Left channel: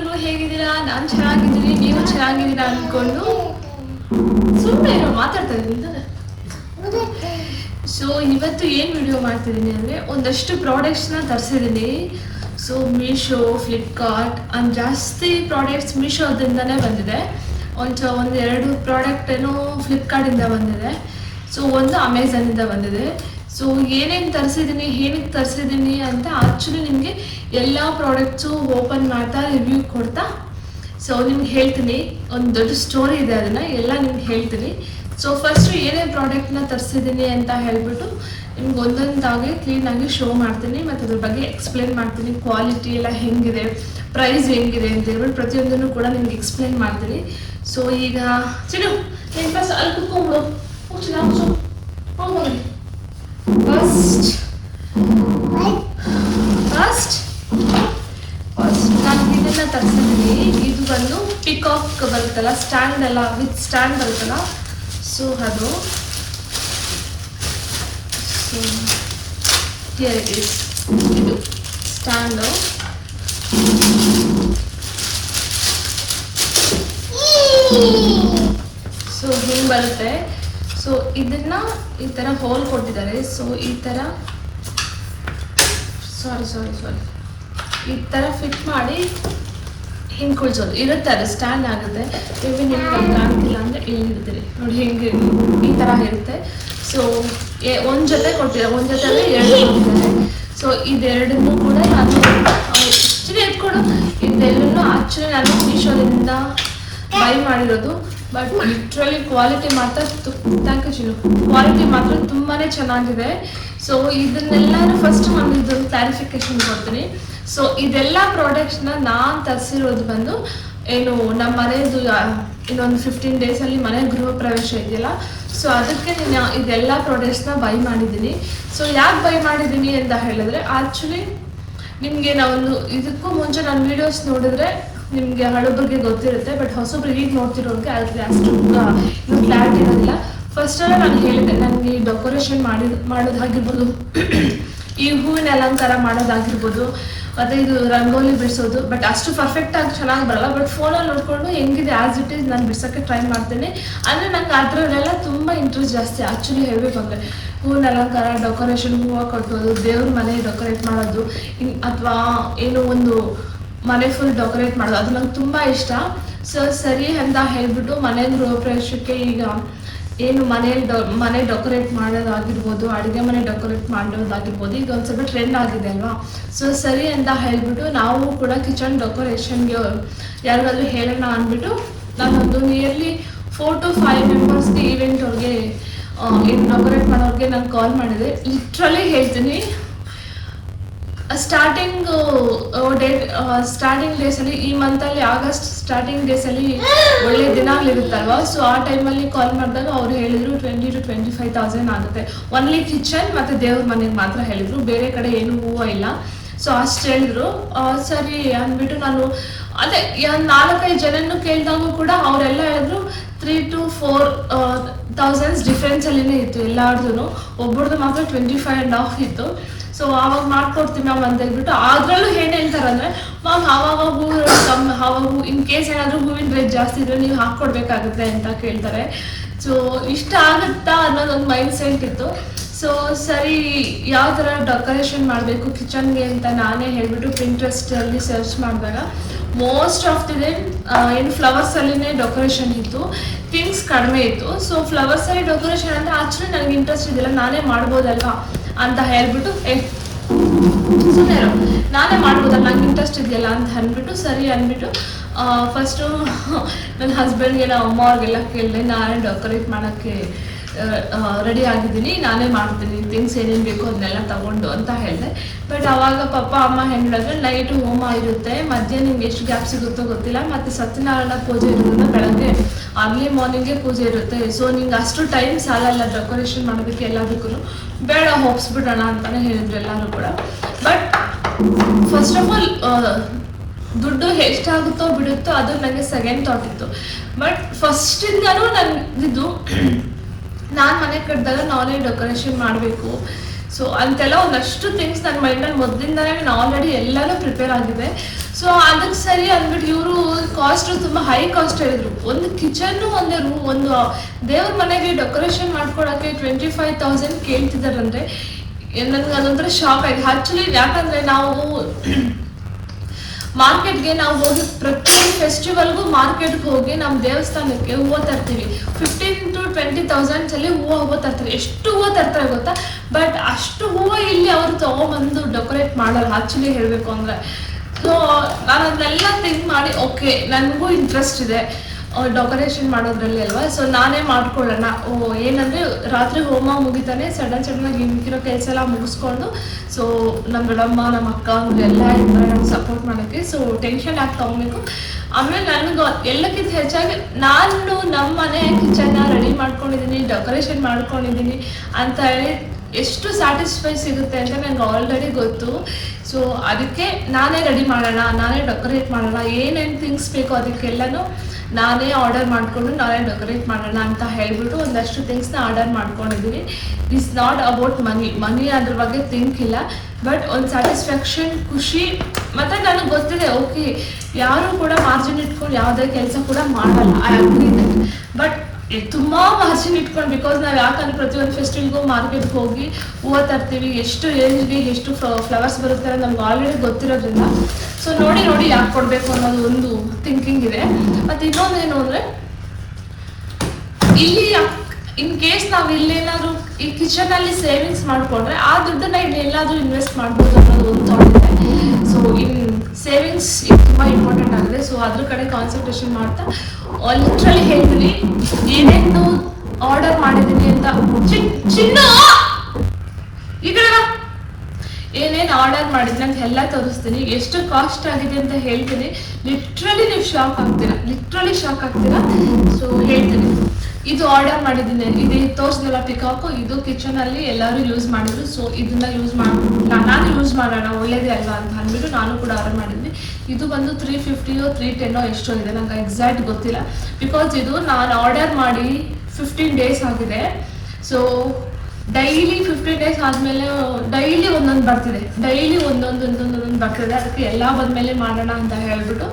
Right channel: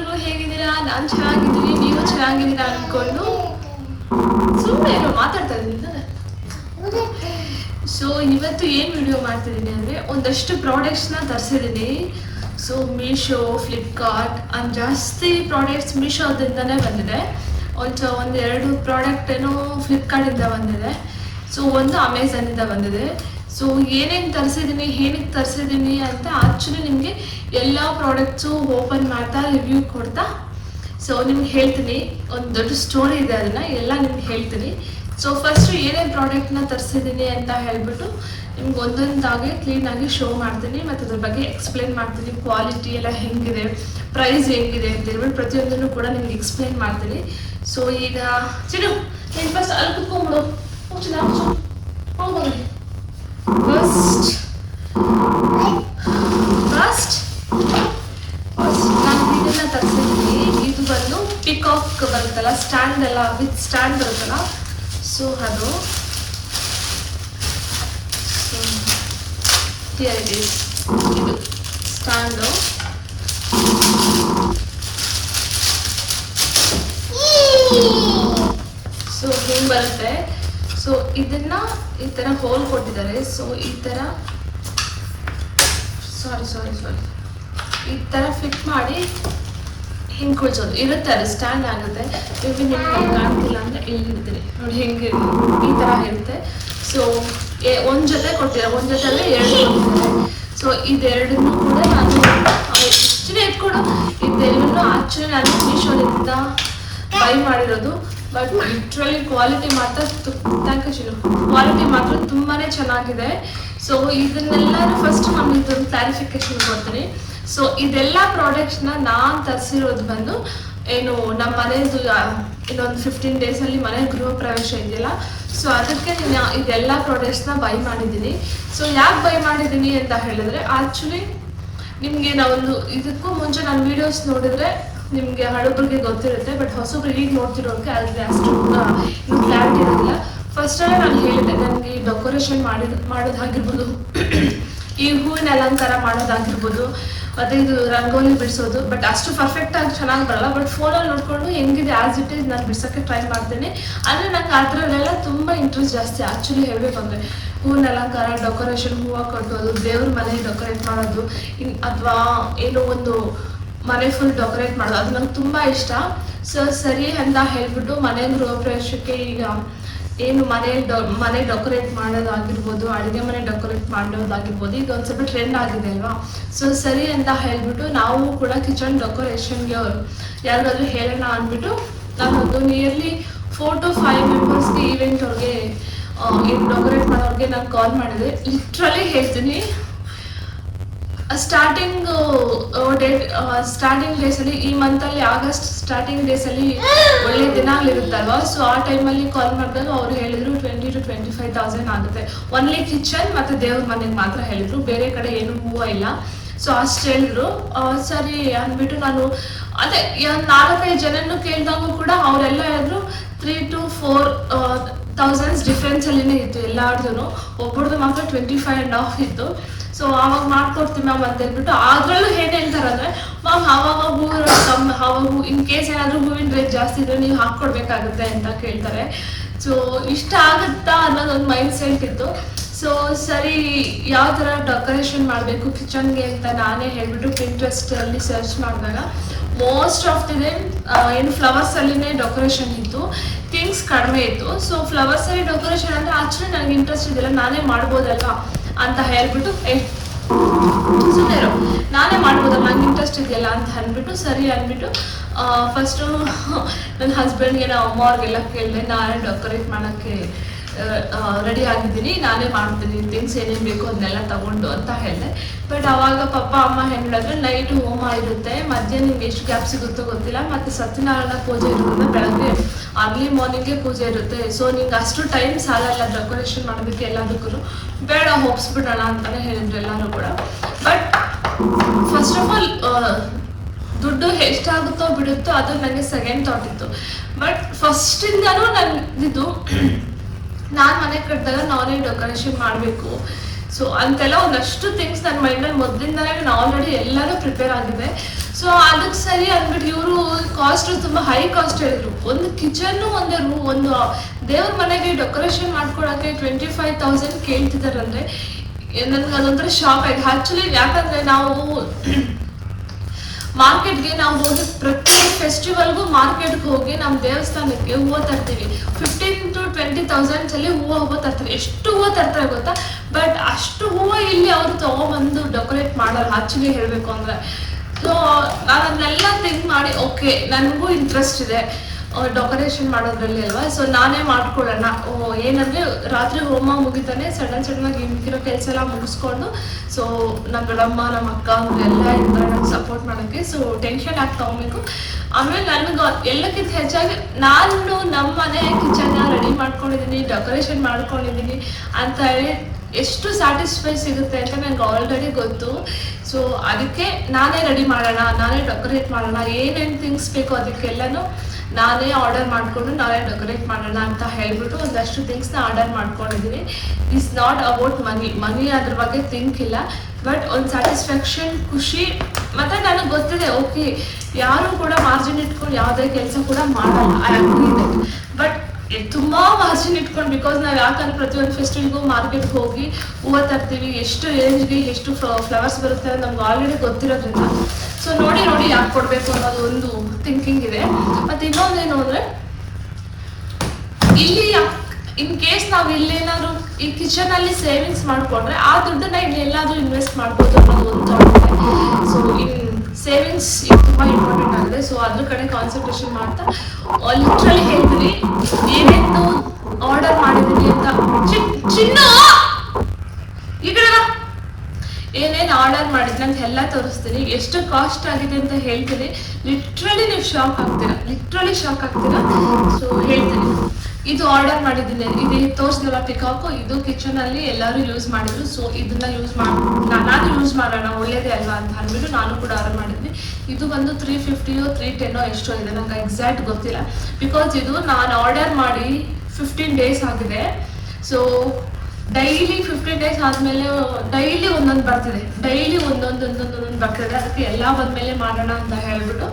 ಎಲ್ರಿಗೂ ಹೇಗಿದ್ದೀರಾ? ನಾನು ಚೆನ್ನಾಗಿದ್ದೀನಿ, ನೀವು ಚೆನ್ನಾಗಿದ್ದೀರಾ ಅಂದ್ಕೊಂಡು ಸುಮ್ಮನೆ ಏನೋ ಮಾತಾಡ್ತಾ ಇದ್ದೀನಿ. ಸೊ ಇವತ್ತು ಏನು ವಿಡಿಯೋ ಮಾಡ್ತಿದ್ದೀನಿ ಅಂದರೆ ಒಂದಷ್ಟು ಪ್ರಾಡಕ್ಟ್ಸ್ನ ತರಿಸಿದ್ದೀನಿ. ಸೊ ಮೀಶೋ, ಫ್ಲಿಪ್ಕಾರ್ಟ್ ಅಂಡ್ ಜಾಸ್ತಿ ಪ್ರಾಡಕ್ಟ್ಸ್ ಮೀಶೋದಿಂದನೇ ಬಂದಿದೆ. ಒಂದೆರಡು ಪ್ರಾಡಕ್ಟ್ ಏನೋ ಫ್ಲಿಪ್ಕಾರ್ಟಿಂದ ಬಂದಿದೆ. ಸೊ ಒಂದು ಅಮೆಝಾನಿಂದ ಬಂದಿದೆ. ಸೊ ಏನೇನು ತರಿಸಿದ್ದೀನಿ, ಏನಕ್ಕೆ ತರಿಸಿದ್ದೀನಿ ಅಂತ ಆ್ಯಕ್ಚುಲಿ ನಿಮಗೆ ಎಲ್ಲ ಪ್ರಾಡಕ್ಟ್ಸು ಓಪನ್ ಮಾಡ್ತಾ ರಿವ್ಯೂ ಕೊಡ್ತಾ ಸೊ ನಿಮ್ಗೆ ಹೇಳ್ತೀನಿ. ಒಂದು ದೊಡ್ಡ ಸ್ಟೋರಿ ಇದೆ, ಅದನ್ನು ಎಲ್ಲ ನಿಮ್ಗೆ ಹೇಳ್ತೀನಿ. ಸೊ ಫಸ್ಟು ಏನೇನು ಪ್ರಾಡಕ್ಟ್ನ ತರಿಸಿದ್ದೀನಿ ಅಂತ ಹೇಳ್ಬಿಟ್ಟು ನಿಮ್ಗೆ ಒಂದೊಂದಾಗಿ ಕ್ಲೀನಾಗಿ ಶೋ ಮಾಡ್ತೀನಿ ಮತ್ತು ಅದ್ರ ಬಗ್ಗೆ ಎಕ್ಸ್ಪ್ಲೇನ್ ಮಾಡ್ತೀನಿ. ಕ್ವಾಲಿಟಿ ಎಲ್ಲ ಹೆಂಗಿದೆ, ಪ್ರೈಸ್ ಹೆಂಗಿದೆ ಅಂತ ಹೇಳ್ಬಿಟ್ಟು ಪ್ರತಿಯೊಂದನ್ನು ಕೂಡ ನಿಮ್ಗೆ ಎಕ್ಸ್ಪ್ಲೇನ್ ಮಾಡ್ತೀನಿ. ಸೊ ಈಗ ಚಿನ್ನು ನೀನು ಫಸ್ಟ್ ಅಲ್ಲಿ ಕುತ್ಕೊಂಡ್ಬಿಡು. ಫಸ್ಟ್ ನಾನು ಇದನ್ನ ತರಿಸಿದ್ದೀನಿ. ಇದು ಬಂದು ಪಿಕಾಕ್ ಬರುತ್ತಲ್ಲ, ಸ್ಟ್ಯಾಂಡ್ ಎಲ್ಲ ವಿತ್ ಸ್ಟ್ಯಾಂಡ್ ಬರುತ್ತಲ್ಲ, ಸೊ ಅದು ಇದು ಸ್ಟ್ಯಾಂಡು. ಸೊ ಹಿಂಗೆ ಬರುತ್ತೆ. ಸೊ ಇದನ್ನ ಈ ಥರ ಹೋಲ್ ಕೊಟ್ಟಿದ್ದಾರೆ. ಸೊ ಈ ಥರ ಸಾರಿ ಈ ಥರ ಫಿಟ್ ಮಾಡಿ ಹಿಂಗೆ ಕುಳಿಸೋದು ಇರುತ್ತೆ. ಅದು ಸ್ಟ್ಯಾಂಡ್ ಆಗುತ್ತೆ. ಇವಾಗ ನಿಮ್ಗೆ ಕಾಣ್ತಿಲ್ಲ ಅಂದರೆ ಇಲ್ಲಿರ್ತೀರಿ ನೋಡಿ, ಹಿಂಗೆ ಈ ಥರ ಇರುತ್ತೆ. ಸೊ ಒಂದು ಜೊತೆ ಕೊಟ್ಟಿದ್ದಾರೆ, ಒಂದು ಜೊತೆ ಎರಡು ಕೊಟ್ಟಿದ್ದಾರೆ. ಸೊ ಇದೆರಡನ್ನೂ ಕೂಡ ನಾನು ಇಟ್ಕೊಡು, ಇದೆರಡನ್ನೂ ಆ್ಯಕ್ಚುಲಿ ನಾನು ಮೀಶೋದಿಂದ ಬೈ ಮಾಡಿರೋದು. ಬಟ್ ಲಿಟ್ರಲಿ ಕ್ವಾಲಿಟಿ ಮಾತ್ರ ಕ್ವಾಲಿಟಿ ಮಾತ್ರ ತುಂಬಾ ಚೆನ್ನಾಗಿದೆ. ಸೊ ಇದನ್ನೆಲ್ಲನೂ ಫಸ್ಟ್ ನಾನು ಇದೊಂದು ಕ್ಲಾರಿಫಿಕೇಶನ್ ಕೊಡ್ತೀನಿ. ಸೊ ಇದೆಲ್ಲ ಪ್ರಾಡಕ್ಟ್ಸ್ನ ನಾನು ತರಿಸಿರೋದು ಬಂದು ಏನು ನಮ್ಮ ಮನೆಯದು ಇನ್ನೊಂದು 15 ಡೇಸಲ್ಲಿ ಮನೆ ಗೃಹ ಪ್ರವೇಶ ಇದೆಯಲ್ಲ, ಸೊ ಅದಕ್ಕೆ ನಾನು ಇದೆಲ್ಲ ಪ್ರಾಡಕ್ಟ್ಸ್ನ ಬೈ ಮಾಡಿದ್ದೀನಿ. ಸೊ ಯಾಕೆ ಬೈ ಮಾಡಿದ್ದೀನಿ ಅಂತ ಹೇಳಿದ್ರೆ ಆ್ಯಕ್ಚುಲಿ ನಿಮಗೆ ನಾವೊಂದು ಇದಕ್ಕೂ ಮುಂಚೆ ನಾನು ವೀಡಿಯೋಸ್ ನೋಡಿದ್ರೆ ನಿಮಗೆ ಹಳಬ್ರಿಗೆ ಗೊತ್ತಿರುತ್ತೆ. ಬಟ್ ಹೊಸಬ್ರು ಈಗ ನೋಡ್ತಿರೋರಿಗೆ ಅದಕ್ಕೆ ಅಷ್ಟು ಇನ್ನೂ ಕ್ಲಾರಿಟಿ ಇರೋದಿಲ್ಲ. ಫಸ್ಟಲ್ಲೇ ನಾನು ಹೇಳಿದೆ, ನನಗೆ ಡೆಕೋರೇಷನ್ ಮಾಡೋದಾಗಿರ್ಬೋದು, ಈ ಹೂವಿನ ಅಲಂಕಾರ ಮಾಡೋದಾಗಿರ್ಬೋದು, ಮತ್ತು ಇದು ರಂಗೋಲಿ ಬಿಡಿಸೋದು, ಬಟ್ ಅಷ್ಟು ಪರ್ಫೆಕ್ಟಾಗಿ ಚೆನ್ನಾಗಿ ಬರಲ್ಲ. ಬಟ್ ಫೋನಲ್ಲಿ ನೋಡಿಕೊಂಡು ಹೆಂಗಿದೆ ಆ್ಯಸ್ ಇಟ್ ಈಸ್ ನಾನು ಬಿಡ್ಸೋಕ್ಕೆ ಟ್ರೈ ಮಾಡ್ತೀನಿ. ಅಂದರೆ ನಂಗೆ ಅದರಲ್ಲೆಲ್ಲ ತುಂಬ ಇಂಟ್ರೆಸ್ಟ್ ಜಾಸ್ತಿ. ಆ್ಯಕ್ಚುಲಿ ಹೇಳಬೇಕು ಅಂದರೆ ಹೂವಿನ ಅಲಂಕಾರ, ಡೆಕೋರೇಷನ್, ಹೂವು ಕಟ್ಟೋದು, ದೇವ್ರ ಮನೆ ಡೆಕೋರೇಟ್ ಮಾಡೋದು, ಅಥವಾ ಏನೋ ಒಂದು ಮನೆ ಫುಲ್ ಡೆಕೋರೇಟ್ ಮಾಡೋದು, ಅದು ನಂಗೆ ತುಂಬ ಇಷ್ಟ. ಸೊ ಸರಿ ಅಂತ ಹೇಳ್ಬಿಟ್ಟು ಮನೆ ಗೃಹ ಪ್ರವೇಶಕ್ಕೆ ಈಗ ಏನು ಮನೆ ಡೆಕೋರೇಟ್ ಮಾಡೋದಾಗಿರ್ಬೋದು, ಅಡುಗೆ ಮನೆ ಡೆಕೋರೇಟ್ ಮಾಡೋದಾಗಿರ್ಬೋದು, ಈಗ ಒಂದು ಸ್ವಲ್ಪ ಟ್ರೆಂಡ್ ಆಗಿದೆ ಅಲ್ವಾ. ಸೊ ಸರಿ ಅಂತ ಹೇಳ್ಬಿಟ್ಟು ನಾವು ಕೂಡ ಕಿಚನ್ ಡೆಕೋರೇಷನ್ಗೆ ಯಾರಿಗಾದ್ರೂ ಹೇಳೋಣ ಅಂದ್ಬಿಟ್ಟು ನಾನೊಂದು ನಿಯರ್ಲಿ 4 to 5 ಮೆಂಬರ್ಸ್ಗೆ ಈವೆಂಟ್ ಅವ್ರಿಗೆ ಡೆಕೋರೇಟ್ ಮಾಡೋರಿಗೆ ನಾನು ಕಾಲ್ ಮಾಡಿದೆ. ಲಿಟ್ರಲಿ ಹೇಳ್ತೀನಿ, ಸ್ಟಾರ್ಟಿಂಗ್ ಡೇಸಲ್ಲಿ ಈ ಮಂತಲ್ಲಿ ಆಗಸ್ಟ್ ಸ್ಟಾರ್ಟಿಂಗ್ ಡೇಸಲ್ಲಿ ಒಳ್ಳೆ ದಿನಗಳಿರುತ್ತಲ್ವ. ಸೊ ಆ ಟೈಮಲ್ಲಿ ಕಾಲ್ ಮಾಡಿದಾಗ ಅವ್ರು ಹೇಳಿದ್ರು 20,000 to 25,000 ಆಗುತ್ತೆ. ಒನ್ಲಿ ಕಿಚನ್ ಮತ್ತು ದೇವ್ರ ಮನೆಗೆ ಮಾತ್ರ ಹೇಳಿದ್ರು, ಬೇರೆ ಕಡೆ ಏನು ಹೂವು ಇಲ್ಲ. ಸೊ ಅಷ್ಟು ಹೇಳಿದ್ರು. ಸರಿ ಅಂದ್ಬಿಟ್ಟು ನಾನು ಅದೇ 4-5 ಜನನ್ನು ಕೇಳಿದಾಗೂ ಕೂಡ ಅವರೆಲ್ಲ ಹೇಳಿದ್ರು 3 to 4,000 ಡಿಫ್ರೆನ್ಸಲ್ಲಿನೇ ಇತ್ತು ಎಲ್ಲಾರ್ದು. ಒಬ್ಬರದು ಮಾತ್ರ 25.5 ಇತ್ತು. ಸೊ ಆವಾಗ ಮಾಡ್ಕೊಡ್ತೀವಿ ಮ್ಯಾಮ್ ಅಂತ ಹೇಳ್ಬಿಟ್ಟು, ಅದರಲ್ಲೂ ಏನು ಹೇಳ್ತಾರಂದ್ರೆ ಮ್ಯಾಮ್ ಆವಾಗ ಹೂವು ಇನ್ ಕೇಸ್ ಏನಾದರೂ ಹೂವಿನ ರೇಟ್ ಜಾಸ್ತಿ ಇದ್ರೆ ನೀವು ಹಾಕ್ಕೊಡ್ಬೇಕಾಗುತ್ತೆ ಅಂತ ಕೇಳ್ತಾರೆ. ಸೊ ಇಷ್ಟ ಆಗುತ್ತಾ ಅನ್ನೋದೊಂದು ಮೈಂಡ್ ಸೆಟ್ ಇತ್ತು. ಸೊ ಸರಿ ಯಾವ ಥರ ಡೆಕೋರೇಷನ್ ಮಾಡಬೇಕು ಕಿಚನ್ಗೆ ಅಂತ ನಾನೇ ಹೇಳ್ಬಿಟ್ಟು ಪಿಂಟ್ರೆಸ್ಟಲ್ಲಿ ಸರ್ಚ್ ಮಾಡಿದಾಗ ಮೋಸ್ಟ್ ಆಫ್ ದಿ ಡೇ ಏನು ಫ್ಲವರ್ಸಲ್ಲಿನೇ ಡೆಕೋರೇಷನ್ ಇತ್ತು, ಥಿಂಗ್ಸ್ ಕಡಿಮೆ ಇತ್ತು. ಸೊ ಫ್ಲವರ್ಸಲ್ಲಿ ಡೆಕೋರೇಷನ್ ಅಂದರೆ ಆ್ಯಕ್ಚುಲಿ ನನಗೆ ಇಂಟ್ರೆಸ್ಟ್ ಇದೆಯಲ್ಲ, ನಾನೇ ಮಾಡ್ಬೋದಲ್ವಾ ಅಂತ ಹೇಳ್ಬಿಟ್ಟು ಸುಮ್ಮನೆ ನಾನೇ ಮಾಡ್ಬೋದಲ್ಲ, ನಂಗೆ ಇಂಟ್ರೆಸ್ಟ್ ಇದೆಯಲ್ಲ ಅಂತ ಅಂದ್ಬಿಟ್ಟು ಸರಿ ಅಂದ್ಬಿಟ್ಟು ಫಸ್ಟು ನನ್ನ ಹಸ್ಬೆಂಡ್ಗೆ ನಮ್ಮ ಅಮ್ಮ ಅವ್ರಿಗೆಲ್ಲ ಕೇಳಿದೆ, ನಾನೇ ಡೆಕೋರೇಟ್ ಮಾಡೋಕ್ಕೆ ರೆಡಿ ಆಗಿದ್ದೀನಿ, ನಾನೇ ಮಾಡ್ತೀನಿ, ಥಿಂಗ್ಸ್ ಏನೇನು ಬೇಕು ಅದನ್ನೆಲ್ಲ ತಗೊಂಡು ಅಂತ ಹೇಳಿದೆ. ಬಟ್ ಅವಾಗ ಪಪ್ಪ ಅಮ್ಮ ಹೇಳಿದ್ರೆ ನೈಟು ಹೋಮ ಇರುತ್ತೆ, ಮಧ್ಯಾಹ್ನ ನಿಮ್ಗೆ ಎಷ್ಟು ಗ್ಯಾಪ್ ಸಿಗುತ್ತೋ ಗೊತ್ತಿಲ್ಲ, ಮತ್ತು ಸತ್ಯನಾರಾಯಣ ಪೂಜೆ ಇರೋದ್ರಿಂದ ಬೆಳಗ್ಗೆ ಅರ್ಲಿ ಮಾರ್ನಿಂಗೇ ಪೂಜೆ ಇರುತ್ತೆ. ಸೊ ನಿಂಗೆ ಅಷ್ಟು ಟೈಮ್ ಸಾಲಲ್ಲ ಡೆಕೋರೇಷನ್ ಮಾಡೋದಕ್ಕೆ ಎಲ್ಲದಕ್ಕೂ, ಬೇಡ ಹೋಗಿಸ್ಬಿಡೋಣ ಅಂತಲೇ ಹೇಳಿದ್ರು ಎಲ್ಲರೂ ಕೂಡ. ಬಟ್ ಫಸ್ಟ್ ಆಫ್ ಆಲ್ ದುಡ್ಡು ಎಷ್ಟಾಗುತ್ತೋ ಬಿಡುತ್ತೋ ಅದು ನನಗೆ ಸೆಕೆಂಡ್ ಥಾಟ್ ಇತ್ತು. ಬಟ್ ಫಸ್ಟಿಂದನೂ ನನಗಿದ್ದು ನಾನು ಮನೆ ಕಟ್ಟಿದಾಗ ನಾನೇ ಡೆಕೋರೇಷನ್ ಮಾಡಬೇಕು. ಸೊ ಸೊ ಅಂತೆಲ್ಲ ಒಂದಷ್ಟು ಥಿಂಗ್ಸ್ ನನ್ನ ಮೈಂಡಲ್ಲಿ ಮೊದಲಿಂದಾನೇ ನಾನು ಆಲ್ರೆಡಿ ಎಲ್ಲನೂ ಪ್ರಿಪೇರ್ ಆಗಿದೆ. ಸೊ ಅದಕ್ಕೆ ಸರಿ ಅಂದ್ಬಿಟ್ಟು ಇವರು ಕಾಸ್ಟ್ ತುಂಬ ಹೈ ಕಾಸ್ಟ್ ಹೇಳಿದ್ರು. ಒಂದು ಕಿಚನ್ನು ಒಂದು ರೂಮ್, ಒಂದು ದೇವ್ರ ಮನೆಗೆ ಡೆಕೋರೇಷನ್ ಮಾಡ್ಕೊಳಕ್ಕೆ 25,000 ಕೇಳ್ತಿದ್ದಾರಂದ್ರೆ ನನ್ಗೆ ಅದೊಂಥರ ಶಾಕ್ ಆಯ್ತು ಆ್ಯಕ್ಚುಲಿ. ಯಾಕಂದ್ರೆ ನಾವು ಮಾರ್ಕೆಟ್ಗೆ ನಾವು ಹೋಗಿ ಪ್ರತಿ ಫೆಸ್ಟಿವಲ್ಗೂ ಮಾರ್ಕೆಟ್ಗೆ ಹೋಗಿ ನಮ್ಮ ದೇವಸ್ಥಾನಕ್ಕೆ ಹೂವು ತರ್ತೀವಿ. 15,000 to 20,000 ಹೂವು ತರ್ತಾರೆ. ಎಷ್ಟು ಹೂವು ತರ್ತಾರೆ ಗೊತ್ತಾ? ಬಟ್ ಅಷ್ಟು ಹೂವು ಇಲ್ಲಿ ಅವರು ತಗೊಂಬಂದು ಡೆಕೋರೇಟ್ ಮಾಡಲ್ಲ ಆ್ಯಕ್ಚುಲಿ ಹೇಳಬೇಕು ಅಂದರೆ. ಸೊ ನಾನು ಅದನ್ನೆಲ್ಲ ಥಿಂಕ್ ಮಾಡಿ ಓಕೆ ನನಗೂ ಇಂಟ್ರೆಸ್ಟ್ ಇದೆ ಡೆಕೋರೇಷನ್ ಮಾಡೋದ್ರಲ್ಲಿ ಅಲ್ವಾ, ಸೊ ನಾನೇ ಮಾಡ್ಕೊಳ್ಳೋಣ. ಏನಂದರೆ ರಾತ್ರಿ ಹೋಮ ಮುಗಿತಾನೆ ಸಡನ್ನಾಗಿ ಮಿಕ್ಕಿರೋ ಕೆಲಸ ಎಲ್ಲ ಮುಗಿಸ್ಕೊಂಡು, ಸೊ ನಮ್ಮ ದೊಡ್ಡಮ್ಮ ನಮ್ಮ ಅಕ್ಕ ಎಲ್ಲ ಇರ್ತಾರೆ ನಂಗೆ ಸಪೋರ್ಟ್ ಮಾಡೋಕ್ಕೆ. ಸೊ ಟೆನ್ಷನ್ ಆಗಿ ತಗೊಬೇಕು. ಆಮೇಲೆ ನನಗೆ ಎಲ್ಲಕ್ಕಿಂತ ಹೆಚ್ಚಾಗಿ ನಾನು ನಮ್ಮ ಮನೆ ಕಿಚನ್ನ ರೆಡಿ ಮಾಡ್ಕೊಂಡಿದ್ದೀನಿ, ಡೆಕೋರೇಷನ್ ಮಾಡ್ಕೊಂಡಿದ್ದೀನಿ ಅಂತ ಹೇಳಿ ಎಷ್ಟು ಸ್ಯಾಟಿಸ್ಫೈ ಸಿಗುತ್ತೆ ಅಂತ ನನಗೆ ಆಲ್ರೆಡಿ ಗೊತ್ತು. ಸೊ ಅದಕ್ಕೆ ನಾನೇ ರೆಡಿ ಮಾಡೋಣ, ನಾನೇ ಡೆಕೋರೇಟ್ ಮಾಡೋಣ, ಏನೇನು ಥಿಂಗ್ಸ್ ಬೇಕೋ ಅದಕ್ಕೆಲ್ಲನೂ ನಾನೇ ಆರ್ಡರ್ ಮಾಡಿಕೊಂಡು ನಾನೇ ಡೆಕೋರೇಟ್ ಮಾಡೋಣ ಅಂತ ಹೇಳ್ಬಿಟ್ಟು ಒಂದಷ್ಟು ಥಿಂಗ್ಸ್ನ ಆರ್ಡರ್ ಮಾಡ್ಕೊಂಡಿದ್ದೀನಿ. ಇಟ್ಸ್ ನಾಟ್ ಅಬೌಟ್ ಮನಿ ಅದ್ರ ಬಗ್ಗೆ ಥಿಂಕ್ ಇಲ್ಲ, ಬಟ್ ಒಂದು ಸ್ಯಾಟಿಸ್ಫ್ಯಾಕ್ಷನ್, ಖುಷಿ. ಮತ್ತು ನನಗೆ ಗೊತ್ತಿದೆ ಓಕೆ ಯಾರು ಕೂಡ ಮಾರ್ಜಿನ್ ಇಟ್ಕೊಂಡು ಯಾವುದೇ ಕೆಲಸ ಕೂಡ ಮಾಡಲ್ಲ, ಐ ಅಗ್ರಿ ದಟ್. ಬಟ್ ತುಂಬ ಮಾರ್ಜಿನ್ ಇಟ್ಕೊಂಡು, ಬಿಕಾಸ್ ನಾವು ಯಾಕಂದ್ರೆ ಪ್ರತಿಯೊಂದು ಫೆಸ್ಟಿವಲ್ಗೂ ಮಾರ್ಕೆಟ್ಗೆ ಹೋಗಿ ಹೂವು ತರ್ತೀವಿ, ಎಷ್ಟು ರೇಂಜ್ಗೆ ಎಷ್ಟು ಫ್ಲವರ್ಸ್ ಬರುತ್ತೆ ಅನ್ನೋದು ನಮ್ಗೆ ಆಲ್ರೆಡಿ ಗೊತ್ತಿರೋದ್ರಿಂದ ಸೊ ನೋಡಿ ಯಾಕೆ ಕೊಡಬೇಕು ಅನ್ನೋದು ಒಂದು ಥಿಂಕಿಂಗ್ ಇದೆ. ಮತ್ತು ಇನ್ನೊಂದೇನು ಅಂದರೆ ಇಲ್ಲಿ ಇನ್ ಕೇಸ್ ನಾವು ಇಲ್ಲೇನಾದರೂ ಈ ಕಿಚನಲ್ಲಿ ಸೇವಿಂಗ್ಸ್ ಮಾಡಿಕೊಂಡ್ರೆ ಆ ದುಡ್ಡನ್ನ ಇನ್ನೆಲ್ಲಾದರೂ ಇನ್ವೆಸ್ಟ್ ಮಾಡ್ಬೋದು ಅನ್ನೋದು ಒಂದು ಥಾಟ್ ಇದೆ. ಸೊ ಇನ್ ಸೇವಿಂಗ್ಸ್ ತುಂಬ ಇಂಪಾರ್ಟೆಂಟ್ ಆಗಿದೆ. ಸೊ ಅದ್ರ ಕಡೆ ಕಾನ್ಸಂಟ್ರೇಷನ್ ಮಾಡ್ತಾ ಲಿಟ್ರಲಿ ಹೇಳ್ತೀನಿ ಏನೇನು ಆರ್ಡರ್ ಮಾಡಿದ್ದೀನಿ ಅಂತ. ಚಿನ್ನು ಈ ಕಡೆ ಏನೇನು ಆರ್ಡರ್ ಮಾಡಿದ್ದೀನಿ ಅಂತ ಎಲ್ಲ ತೋರಿಸ್ತೀನಿ, ಎಷ್ಟು ಕಾಸ್ಟ್ ಆಗಿದೆ ಅಂತ ಹೇಳ್ತೀನಿ. ಲಿಟ್ರಲಿ ನೀವು ಶಾಕ್ ಆಗ್ತೀರಾ. ಸೊ ಹೇಳ್ತೀನಿ ಇದು ಆರ್ಡರ್ ಮಾಡಿದ್ದೀನಿ, ಇದು ತೋರಿಸಿದಲ್ಲ ಪಿಕಾಕು, ಇದು ಕಿಚನಲ್ಲಿ ಎಲ್ಲರೂ ಯೂಸ್ ಮಾಡಿದ್ರು. ಸೊ ಇದನ್ನ ನಾನು ಯೂಸ್ ಮಾಡೋಣ ಒಳ್ಳೇದೇ ಅಲ್ವಾ ಅಂತ ಅಂದ್ಬಿಟ್ಟು ನಾನು ಕೂಡ ಆರ್ಡರ್ ಮಾಡಿದ್ದೀನಿ. ಇದು ಬಂದು 350 310 ಎಷ್ಟೋ ಇದೆ, ನನಗೆ ಎಕ್ಸಾಕ್ಟ್ ಗೊತ್ತಿಲ್ಲ. ಬಿಕಾಸ್ ಇದು ನಾನು ಆರ್ಡರ್ ಮಾಡಿ 15 days ಆಗಿದೆ. ಸೊ ಡೈಲಿ 15 days ಆದಮೇಲೆ ಡೈಲಿ ಒಂದೊಂದು ಬರ್ತಿದೆ, ಡೈಲಿ ಒಂದೊಂದು ಬರ್ತಿದೆ. ಅದಕ್ಕೆ ಎಲ್ಲ ಬಂದಮೇಲೆ ಮಾಡೋಣ ಅಂತ ಹೇಳ್ಬಿಟ್ಟು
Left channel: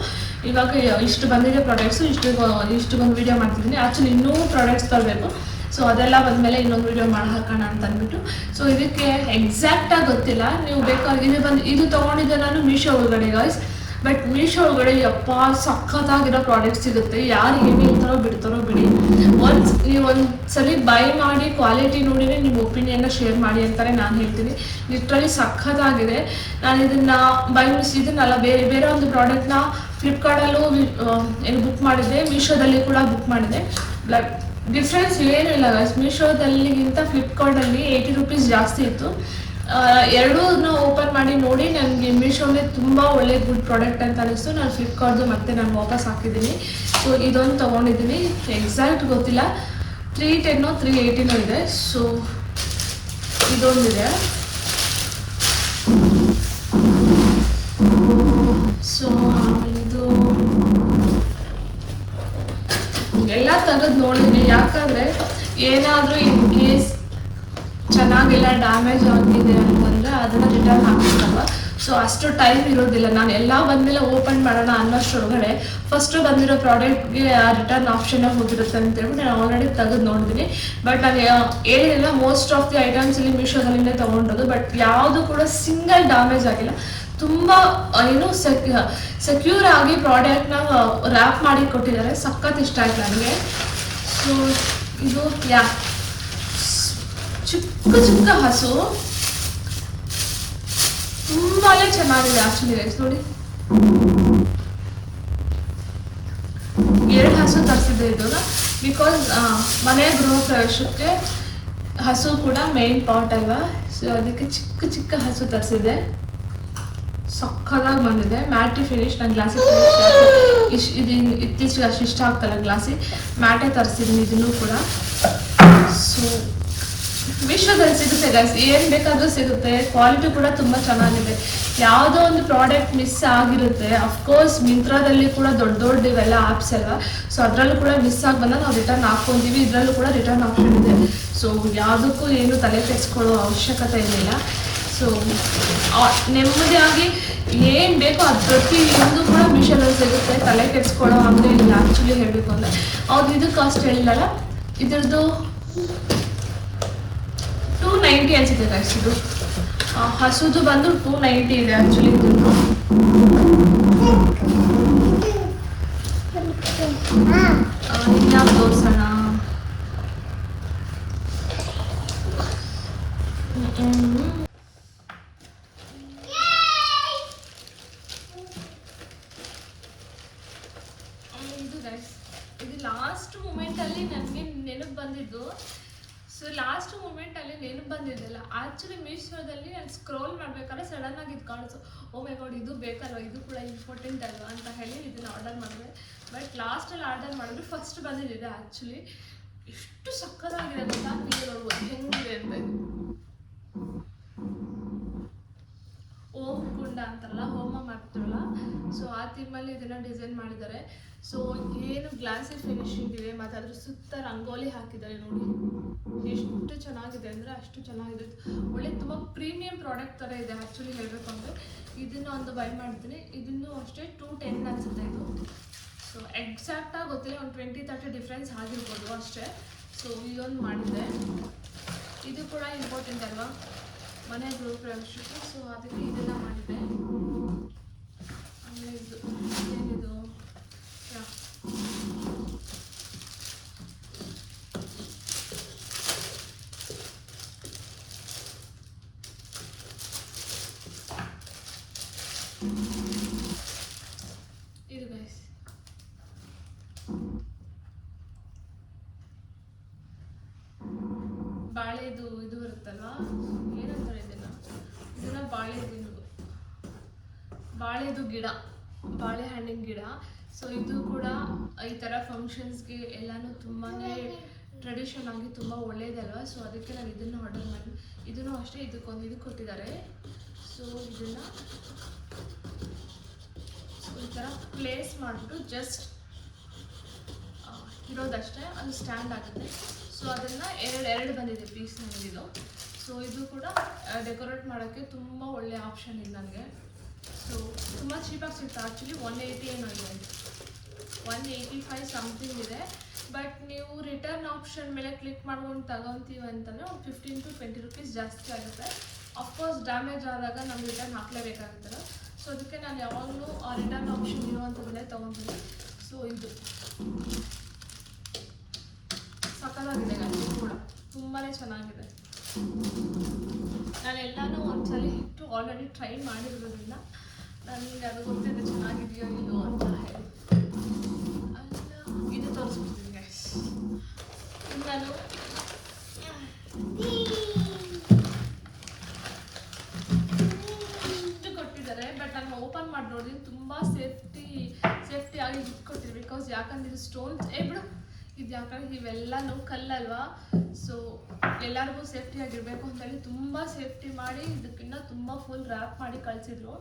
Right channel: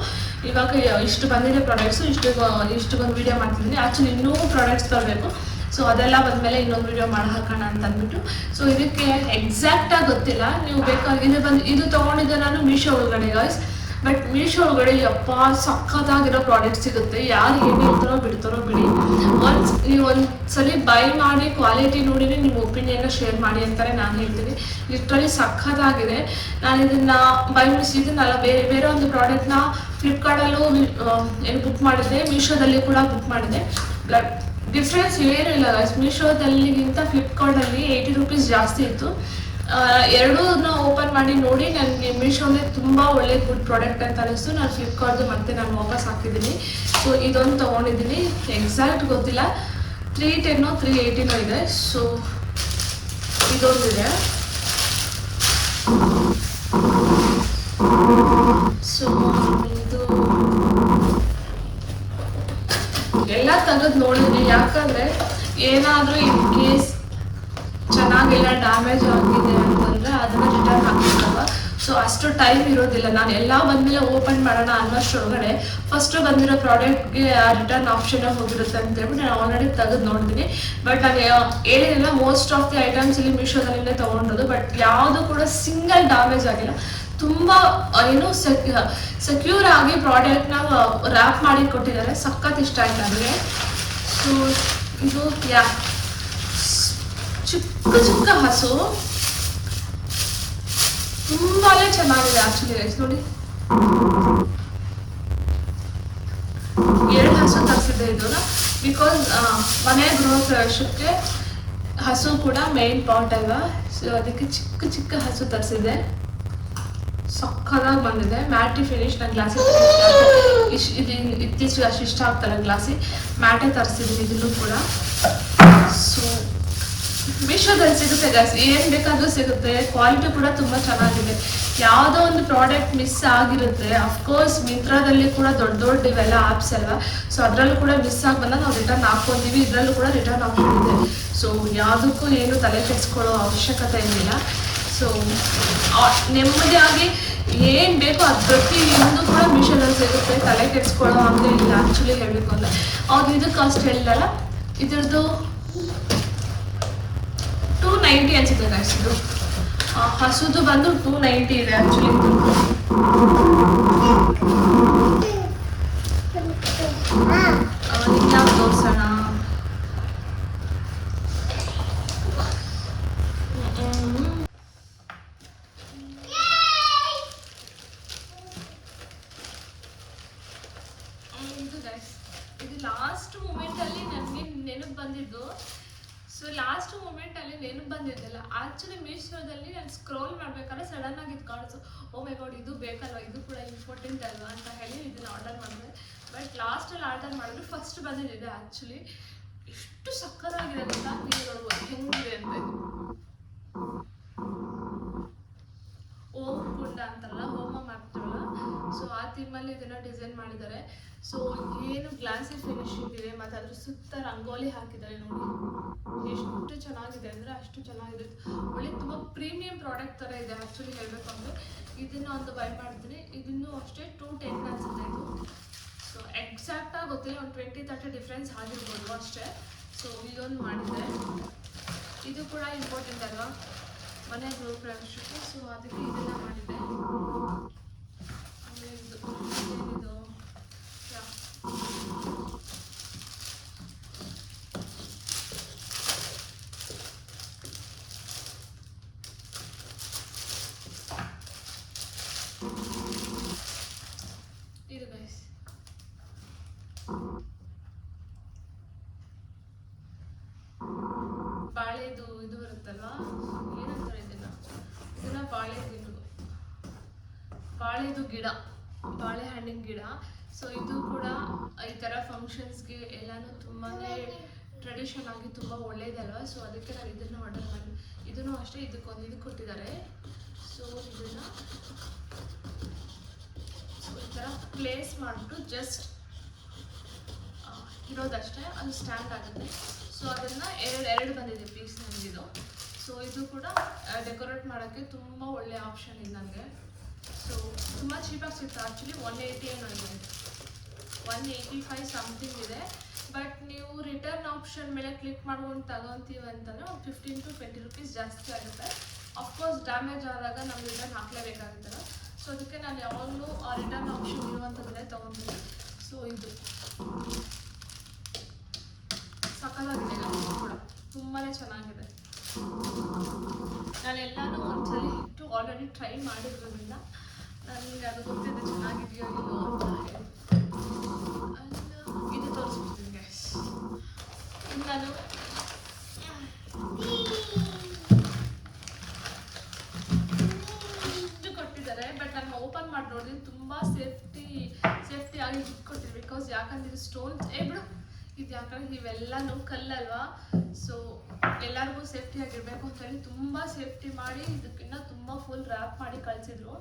ಇವಾಗ ಇಷ್ಟು ಬಂದಿರೋ ಪ್ರಾಡಕ್ಟ್ಸು ಇಷ್ಟು ಬಂದು ವೀಡಿಯೋ ಮಾಡ್ತಿದ್ದೀನಿ. ಆ್ಯಕ್ಚುಲಿ ಇನ್ನೂ ಪ್ರಾಡಕ್ಟ್ಸ್ ತರಬೇಕು. ಸೊ ಅದೆಲ್ಲ ಬಂದಮೇಲೆ ಇನ್ನೊಂದು ವೀಡಿಯೋ ಮಾಡಿ ಹಾಕೋಣ ಅಂತ ಅಂದ್ಬಿಟ್ಟು. ಸೊ ಇದಕ್ಕೆ ಎಕ್ಸಾಕ್ಟಾಗಿ ಗೊತ್ತಿಲ್ಲ, ನೀವು ಬೇಕಾದ್ರೆ ಇದು ತೊಗೊಂಡಿದ್ದೆ ನಾನು ಮೀಶೋ ಒಳಗಡೆ ಗಾಯ್ಸ್. ಬಟ್ ಮೀಶೋ ಒಳಗಡೆ ಯಪ್ಪ ಸಖತ್ತಾಗಿರೋ ಪ್ರಾಡಕ್ಟ್ ಸಿಗುತ್ತೆ. ಯಾರು ಏನು ಹೇಳ್ತಾರೋ ಬಿಡ್ತಾರೋ ಬಿಡಿ, ನೀವು ಒಂದ್ಸಲಿ ಬೈ ಮಾಡಿ ಕ್ವಾಲಿಟಿ ನೋಡಿದ್ರೆ ನಿಮ್ಮ ಒಪಿನಿಯನ್ನ ಶೇರ್ ಮಾಡಿ ಅಂತಾರೆ ನಾನು ಹೇಳ್ತೀನಿ. ಲಿಟ್ರಲಿ ಸಖತ್ತಾಗಿದೆ. ನಾನು ಇದನ್ನೆಲ್ಲ ಬೇರೆ ಒಂದು ಪ್ರಾಡಕ್ಟ್ನ ಫ್ಲಿಪ್ಕಾರ್ಟಲ್ಲೂ ಬುಕ್ ಮಾಡಿದ್ದೆ, ಮೀಶೋದಲ್ಲಿ ಕೂಡ ಬುಕ್ ಮಾಡಿದೆ. ಡಿಫ್ರೆನ್ಸ್ ಏನೂ ಇಲ್ಲ ಗೈಸ್. ಮೀಶೋದಲ್ಲಿಗಿಂತ ಫ್ಲಿಪ್ಕಾರ್ಟಲ್ಲಿ 80 rupees ಜಾಸ್ತಿ ಇತ್ತು. ಎರಡೂನ ಓಪನ್ ಮಾಡಿ ನೋಡಿ ನನಗೆ ಮೀಶೋನೇ ತುಂಬ ಒಳ್ಳೆ ಗುಡ್ ಪ್ರಾಡಕ್ಟ್ ಅಂತ ಅನಿಸ್ತು. ನಾನು ಫ್ಲಿಪ್ಕಾರ್ಟ್ದು ಮತ್ತೆ ನಾನು ವಾಪಸ್ ಹಾಕಿದ್ದೀನಿ. ಸೊ ಇದೊಂದು ತೊಗೊಂಡಿದ್ದೀನಿ, ಎಕ್ಸಾಕ್ಟ್ ಗೊತ್ತಿಲ್ಲ, 310 380 ಇದೆ. ಸೊ ಇದೊಂದಿದೆ. ಸೊ ಇದು ಎಲ್ಲ ತೆಗೆದು ನೋಡಿದ್ದೀನಿ, ಯಾಕಂದರೆ ಏನಾದರೂ ಇನ್ ಕೇಸ್ ಚೆನ್ನಾಗಿಲ್ಲ ಡ್ಯಾಮೇಜ್ ಆಗಿದೆ ಅಂತಂದರೆ ಅದನ್ನು ರಿಟರ್ನ್ ಹಾಕ್ಬೇಕಲ್ವ. ಸೊ ಅಷ್ಟು ಟೈಮ್ ಇರೋದಿಲ್ಲ. ನಾನು ಎಲ್ಲ ಬಂದಮೇಲೆ ಓಪನ್ ಮಾಡೋಣ ಅನ್ನೋಷ್ಟೊಳಗಡೆ ಫಸ್ಟು ಬಂದಿರೋ ಪ್ರಾಡಕ್ಟ್ಗೆ ರಿಟರ್ನ್ ಆಪ್ಷನ್ನೇ ಹೋಗಿರುತ್ತೆ ಅಂತೇಳ್ಬಿಟ್ಟು ನಾನು ಆಲ್ರೆಡಿ ತೆಗೆದು ನೋಡಿದ್ದೀನಿ. ಬಟ್ ನಾನು ಏನಿಲ್ಲ, ಮೋಸ್ಟ್ ಆಫ್ ದಿ ಐಟಮ್ಸ್ ಇಲ್ಲಿ ಮೀಶೋದಲ್ಲಿಂದ ತೊಗೊಂಡಿರೋದು. ಬಟ್ ಯಾವುದು ಕೂಡ ಸಿಂಗಲ್ ಡ್ಯಾಮೇಜ್ ಆಗಿಲ್ಲ. ತುಂಬ ಸೆಕ್ಯೂರ್ ಆಗಿ ಪ್ರಾಡಕ್ಟ್ನ ರ್ಯಾಪ್ ಮಾಡಿ ಕೊಟ್ಟಿದ್ದಾರೆ. ಸಖತ್ ಇಷ್ಟ ಆಯ್ತು ನನಗೆ. ಸೊ ಇದು ಚಿಕ್ಕ ಹಸು ತುಂಬಾನೇ ಚೆನ್ನಾಗಿದೆ ಆಕ್ಚುಲಿ ಗೈಸ್. ನೋಡಿ 2 ಹಸು ತರಿಸಿದೆ ಇದು, ಬಿಕಾಸ್ ಮನೆ ಗೃಹ ಪ್ರವೇಶಕ್ಕೆ ಹಸು ಕೂಡ ಮೇನ್ ಪಾರ್ಟ್ ಅಲ್ವಾ. ಸೊ ಅದಕ್ಕೆ ಚಿಕ್ಕ ಹಸು ತರಿಸಿದೆ. ಸಕ್ಕದಾಗಿ ಬಂದಿದೆ. Mat finish. ನಾನು ಗ್ಲಾಸಿ ಫಿನಿಶ್ ಇದು ಇತ್ತೀಚೆಗೆ ಅಷ್ಟು ಇಷ್ಟ ಆಗ್ತಲ್ಲ ಗ್ಲಾಸಿ, ಮ್ಯಾಟೇ ತರಿಸಿದ್ದೀನಿ ಇದನ್ನು ಕೂಡ. ಸೊ ಮೀಶೋದಲ್ಲಿ ಸಿಗುತ್ತೆ ಗೈಸ್, ಏನು ಬೇಕಾದರೂ ಸಿಗುತ್ತೆ. ಕ್ವಾಲಿಟಿ ಕೂಡ ತುಂಬ ಚೆನ್ನಾಗಿದೆ. ಯಾವುದೋ ಒಂದು ಪ್ರಾಡಕ್ಟ್ ಮಿಸ್ ಆಗಿರುತ್ತೆ, ಅಫ್ಕೋರ್ಸ್ ಮಿಂತ್ರಾದಲ್ಲಿ ಕೂಡ ದೊಡ್ಡ ಇವೆಲ್ಲ ಆ್ಯಪ್ಸ್ ಅಲ್ಲ, ಸೊ ಅದರಲ್ಲೂ ಕೂಡ ಮಿಸ್ ಆಗಿ ಬಂದಾಗ ನಾವು ರಿಟರ್ನ್ ಹಾಕ್ಕೊಂತೀವಿ, ಇದರಲ್ಲೂ ಕೂಡ ರಿಟರ್ನ್ ಹಾಕ್ಕೊಂಡಿದೆ. ಸೊ ಯಾವುದಕ್ಕೂ ಏನು ತಲೆ ಕೆಡಿಸ್ಕೊಳ್ಳೋ ಅವಶ್ಯಕತೆ ಇರಲಿಲ್ಲ. ಸೊ ನೆಮ್ಮದಿಯಾಗಿ ಏನು ಬೇಕೋ ಅದು ಪ್ರತಿಯೊಂದು ಕೂಡ ಮೀಶೋದಲ್ಲಿ ಸಿಗುತ್ತೆ, ತಲೆ ಕೆಡಿಸ್ಕೊಳ್ಳೋ ಹಾಗೆ ಇಲ್ಲ. ಆ್ಯಕ್ಚುಲಿ ಹೇಳಬೇಕು ಅಂದರೆ ಅವ್ರು ಇದು ಕಾಸ್ಟ್ ಹೇಳಿದಾರ, ಇದ್ರದ್ದು 290 ಅನ್ಸುತ್ತೆ ಗೈಸ್. ಇದು ಹಸುದು ಬಂದು 290 ಇದೆ ಆ್ಯಕ್ಚುಲಿ ಇದ್ರದ್ದು. ನಾವು ತೋರ್ಸೋಣ. ಇದು ಲಾಸ್ಟ್ ಮೂಮೆಂಟಲ್ಲಿ ನನಗೆ ನೆನಪು ಬಂದಿದ್ದು. ಸೊ ಲಾಸ್ಟ್ ಮೂಮೆಂಟಲ್ಲಿ ನೆನಪು ಬಂದಿದ್ದಲ್ಲ, ಆ್ಯಕ್ಚುಲಿ ಮೀಶೋದಲ್ಲಿ ನಾನು ಸ್ಕ್ರೋಲ್ ಮಾಡ್ಬೇಕಾದ್ರೆ ಸಡನ್ ಆಗಿ ಇದು ಕಾಣಿಸು, ಓ ಮೈ ಗಾಡ್ ಇದು ಬೇಕಲ್ವ, ಇದು ಕೂಡ ಇಂಪಾರ್ಟೆಂಟ್ ಅಲ್ವಾ ಅಂತ ಹೇಳಿ ಇದನ್ನು ಆರ್ಡರ್ ಮಾಡಿದೆ. ಬಟ್ ಲಾಸ್ಟಲ್ಲಿ ಆರ್ಡರ್ ಮಾಡಿದ್ರೆ ಫಸ್ಟ್ ಬಂದಿದ್ದಿದೆ. ಆ್ಯಕ್ಚುಲಿ ಎಷ್ಟು ಸಕ್ಕತ್ತಾಗಿದೆ ಗೊತ್ತಾ, ನೀವು ನೋಡುವ ಹೆಂಗಿದೆ ಅಂತ. ಓಂ ಕುಂಡ ಅಂತಲ್ಲ, ಹೋಮ ಮಾಡ್ತಾರಲ್ಲ, ಸೊ ಆ ಥೀಮಲ್ಲಿ ಇದನ್ನು ಡಿಸೈನ್ ಮಾಡಿದ್ದಾರೆ. ಸೊ ಏನು ಗ್ಲಾಸಿ ಫಿನಿಶಿಂಗ್ ಇದೆ, ಮತ್ತು ಅದ್ರ ಸುತ್ತ ರಂಗೋಲಿ ಹಾಕಿದ್ದಾರೆ ನೋಡಿ, ಎಷ್ಟು ಚೆನ್ನಾಗಿದೆ ಅಂದರೆ ಅಷ್ಟು ಚೆನ್ನಾಗಿದೆ. ಒಳ್ಳೆ ತುಂಬ ಪ್ರೀಮಿಯಂ ಪ್ರಾಡಕ್ಟ್ ಥರ ಇದೆ ಆ್ಯಕ್ಚುಲಿ ಹೇಳಬೇಕು ಅಂದರೆ. ಇದನ್ನು ಒಂದು ಬೈ ಮಾಡ್ತೀನಿ, ಇದನ್ನು ಅಷ್ಟೇ 210 ಅನಿಸುತ್ತೆ ಇದು. ಸೊ ಎಕ್ಸಾಕ್ಟಾಗಿ ಗೊತ್ತಿಲ್ಲ, ಒಂದು 20-30 ಡಿಫ್ರೆನ್ಸ್ ಆಗಿರ್ಬೋದು ಅಷ್ಟೇ. ಸೊ ಇದೊಂದು ಮಾಡಿದೆ, ಇದು ಕೂಡ ಇಂಪಾರ್ಟೆಂಟ್ ಅಲ್ವಾ ಮನೆ ಗೃಹ ಪ್ರವೇಶಕ್ಕೆ. ಸೊ ಅದಕ್ಕೆ ಇದೆಲ್ಲ ಮಾಡಿದೆ. ಆಮೇಲೆ ಇದು ಏನಿದು ಇದು ಗೈಸ್, ಬಾಳೆದು ಇದು ಬರುತ್ತಲ್ವಾ, ಏನಂತಾರೆ ಇದನ್ನ ಬಾಳೆದು ಗಿಡ, ಬಾಳೆಹಣ್ಣಿನ ಗಿಡ. ಸೊ ಇದು ಕೂಡ ಈ ಥರ ಫಂಕ್ಷನ್ಸ್ಗೆ ಎಲ್ಲನೂ ತುಂಬಾ ಟ್ರೆಡಿಷನ್ ಆಗಿ ತುಂಬ ಒಳ್ಳೇದಲ್ವ. ಸೊ ಅದಕ್ಕೆ ನಾನು ಇದನ್ನು ಆರ್ಡರ್ ಮಾಡಿ, ಇದನ್ನು ಅಷ್ಟೇ ಇದಕ್ಕೊಂದು ಇದು ಕೊಟ್ಟಿದ್ದಾರೆ. ಸೊ ಇದನ್ನು ಈ ಥರ ಪ್ಲೇಸ್ ಮಾಡಿಬಿಟ್ಟು ಜಸ್ಟ್ ಇರೋದಷ್ಟೇ, ಅದು ಸ್ಟ್ಯಾಂಡ್ ಆಗುತ್ತೆ. ಸೊ ಅದನ್ನು ಎರಡು ಬಂದಿದೆ ಪೀಸ್ ನನಗಿದು. ಸೊ ಇದು ಕೂಡ ಡೆಕೋರೇಟ್ ಮಾಡೋಕ್ಕೆ ತುಂಬ ಒಳ್ಳೆ ಆಪ್ಷನ್ ಇದೆ ನನಗೆ. ಸೊ ತುಂಬ ಚೀಪಾಗಿ ಸಿಗ್ತಾ, ಆ್ಯಕ್ಚುಲಿ 180 ಏನೋ ಇದೆ, 185 ಸಮಥಿಂಗ್ ಇದೆ. ಬಟ್ ನೀವು ರಿಟರ್ನ್ ಆಪ್ಷನ್ ಮೇಲೆ ಕ್ಲಿಕ್ ಮಾಡ್ಕೊಂಡು ತಗೊತೀವಿ ಅಂತಂದರೆ ಒಂದು 15 to 20 ರೂಪೀಸ್ ಜಾಸ್ತಿ ಆಗುತ್ತೆ. ಅಫ್ಕೋರ್ಸ್ ಡ್ಯಾಮೇಜ್ ಆದಾಗ ನಮ್ಗೆ ರಿಟರ್ನ್ ಹಾಕಲೇಬೇಕಾಗುತ್ತಲ್ಲ. ಸೊ ಅದಕ್ಕೆ ನಾನು ಯಾವಾಗಲೂ ಆ ರಿಟರ್ನ್ ಆಪ್ಷನ್ ಇರುವಂಥದ್ದೇ ತೊಗೊತೀನಿ. ಸೊ ಇದು ಸಕ್ಕತ್ತಾಗಿದೆ ಕೂಡ, ತುಂಬಾ ಚೆನ್ನಾಗಿದೆ. ನಾನೆಲ್ಲನೂ ಒಂದ್ಸಲಿ ಇಟ್ಟು ಆಲ್ರೆಡಿ ಟ್ರೈ ಮಾಡಿರೋದ್ರಿಂದ ನನಗೆ ಅದು ಗೊತ್ತಿದೆ ಚೆನ್ನಾಗಿದೆಯೋ ಇಲ್ಲೋ ಅಂತ ಹೇಳಿ. ಇದು ತೋರಿಸ್ಬಿಡ್ತೀನಿ ಗೈಸ್. ನಾನು ಇಷ್ಟು ಕೊಟ್ಟಿದ್ದಾರೆ, ಬಟ್ ನಾನು ಓಪನ್ ಮಾಡಿ ನೋಡಿದ್ದೀನಿ, ತುಂಬ ಸೇಫ್ಟಿ ಆಗಿ ಕೊಟ್ಟಿದ್ದಾರೆ. ಬಿಕಾಸ್ ಯಾಕಂದ್ರೆ ಇದು ಸ್ಟೋನ್ಸ್ ಬಿಡು, ಇದು ಯಾಕಂದ್ರೆ ಇವೆಲ್ಲನೂ ಕಲ್ಲಲ್ವಾ. ಸೊ ಎಲ್ಲರಿಗೂ ಸೇಫ್ಟಿ ಆಗಿರಬೇಕು ಅಂತೇಳಿ ತುಂಬ ಸೇಫ್ಟಿ ಮಾಡಿ ಇದಕ್ಕಿಂತ ತುಂಬ ಫುಲ್ ರ್ಯಾಪ್ ಮಾಡಿ ಕಳಿಸಿದ್ರು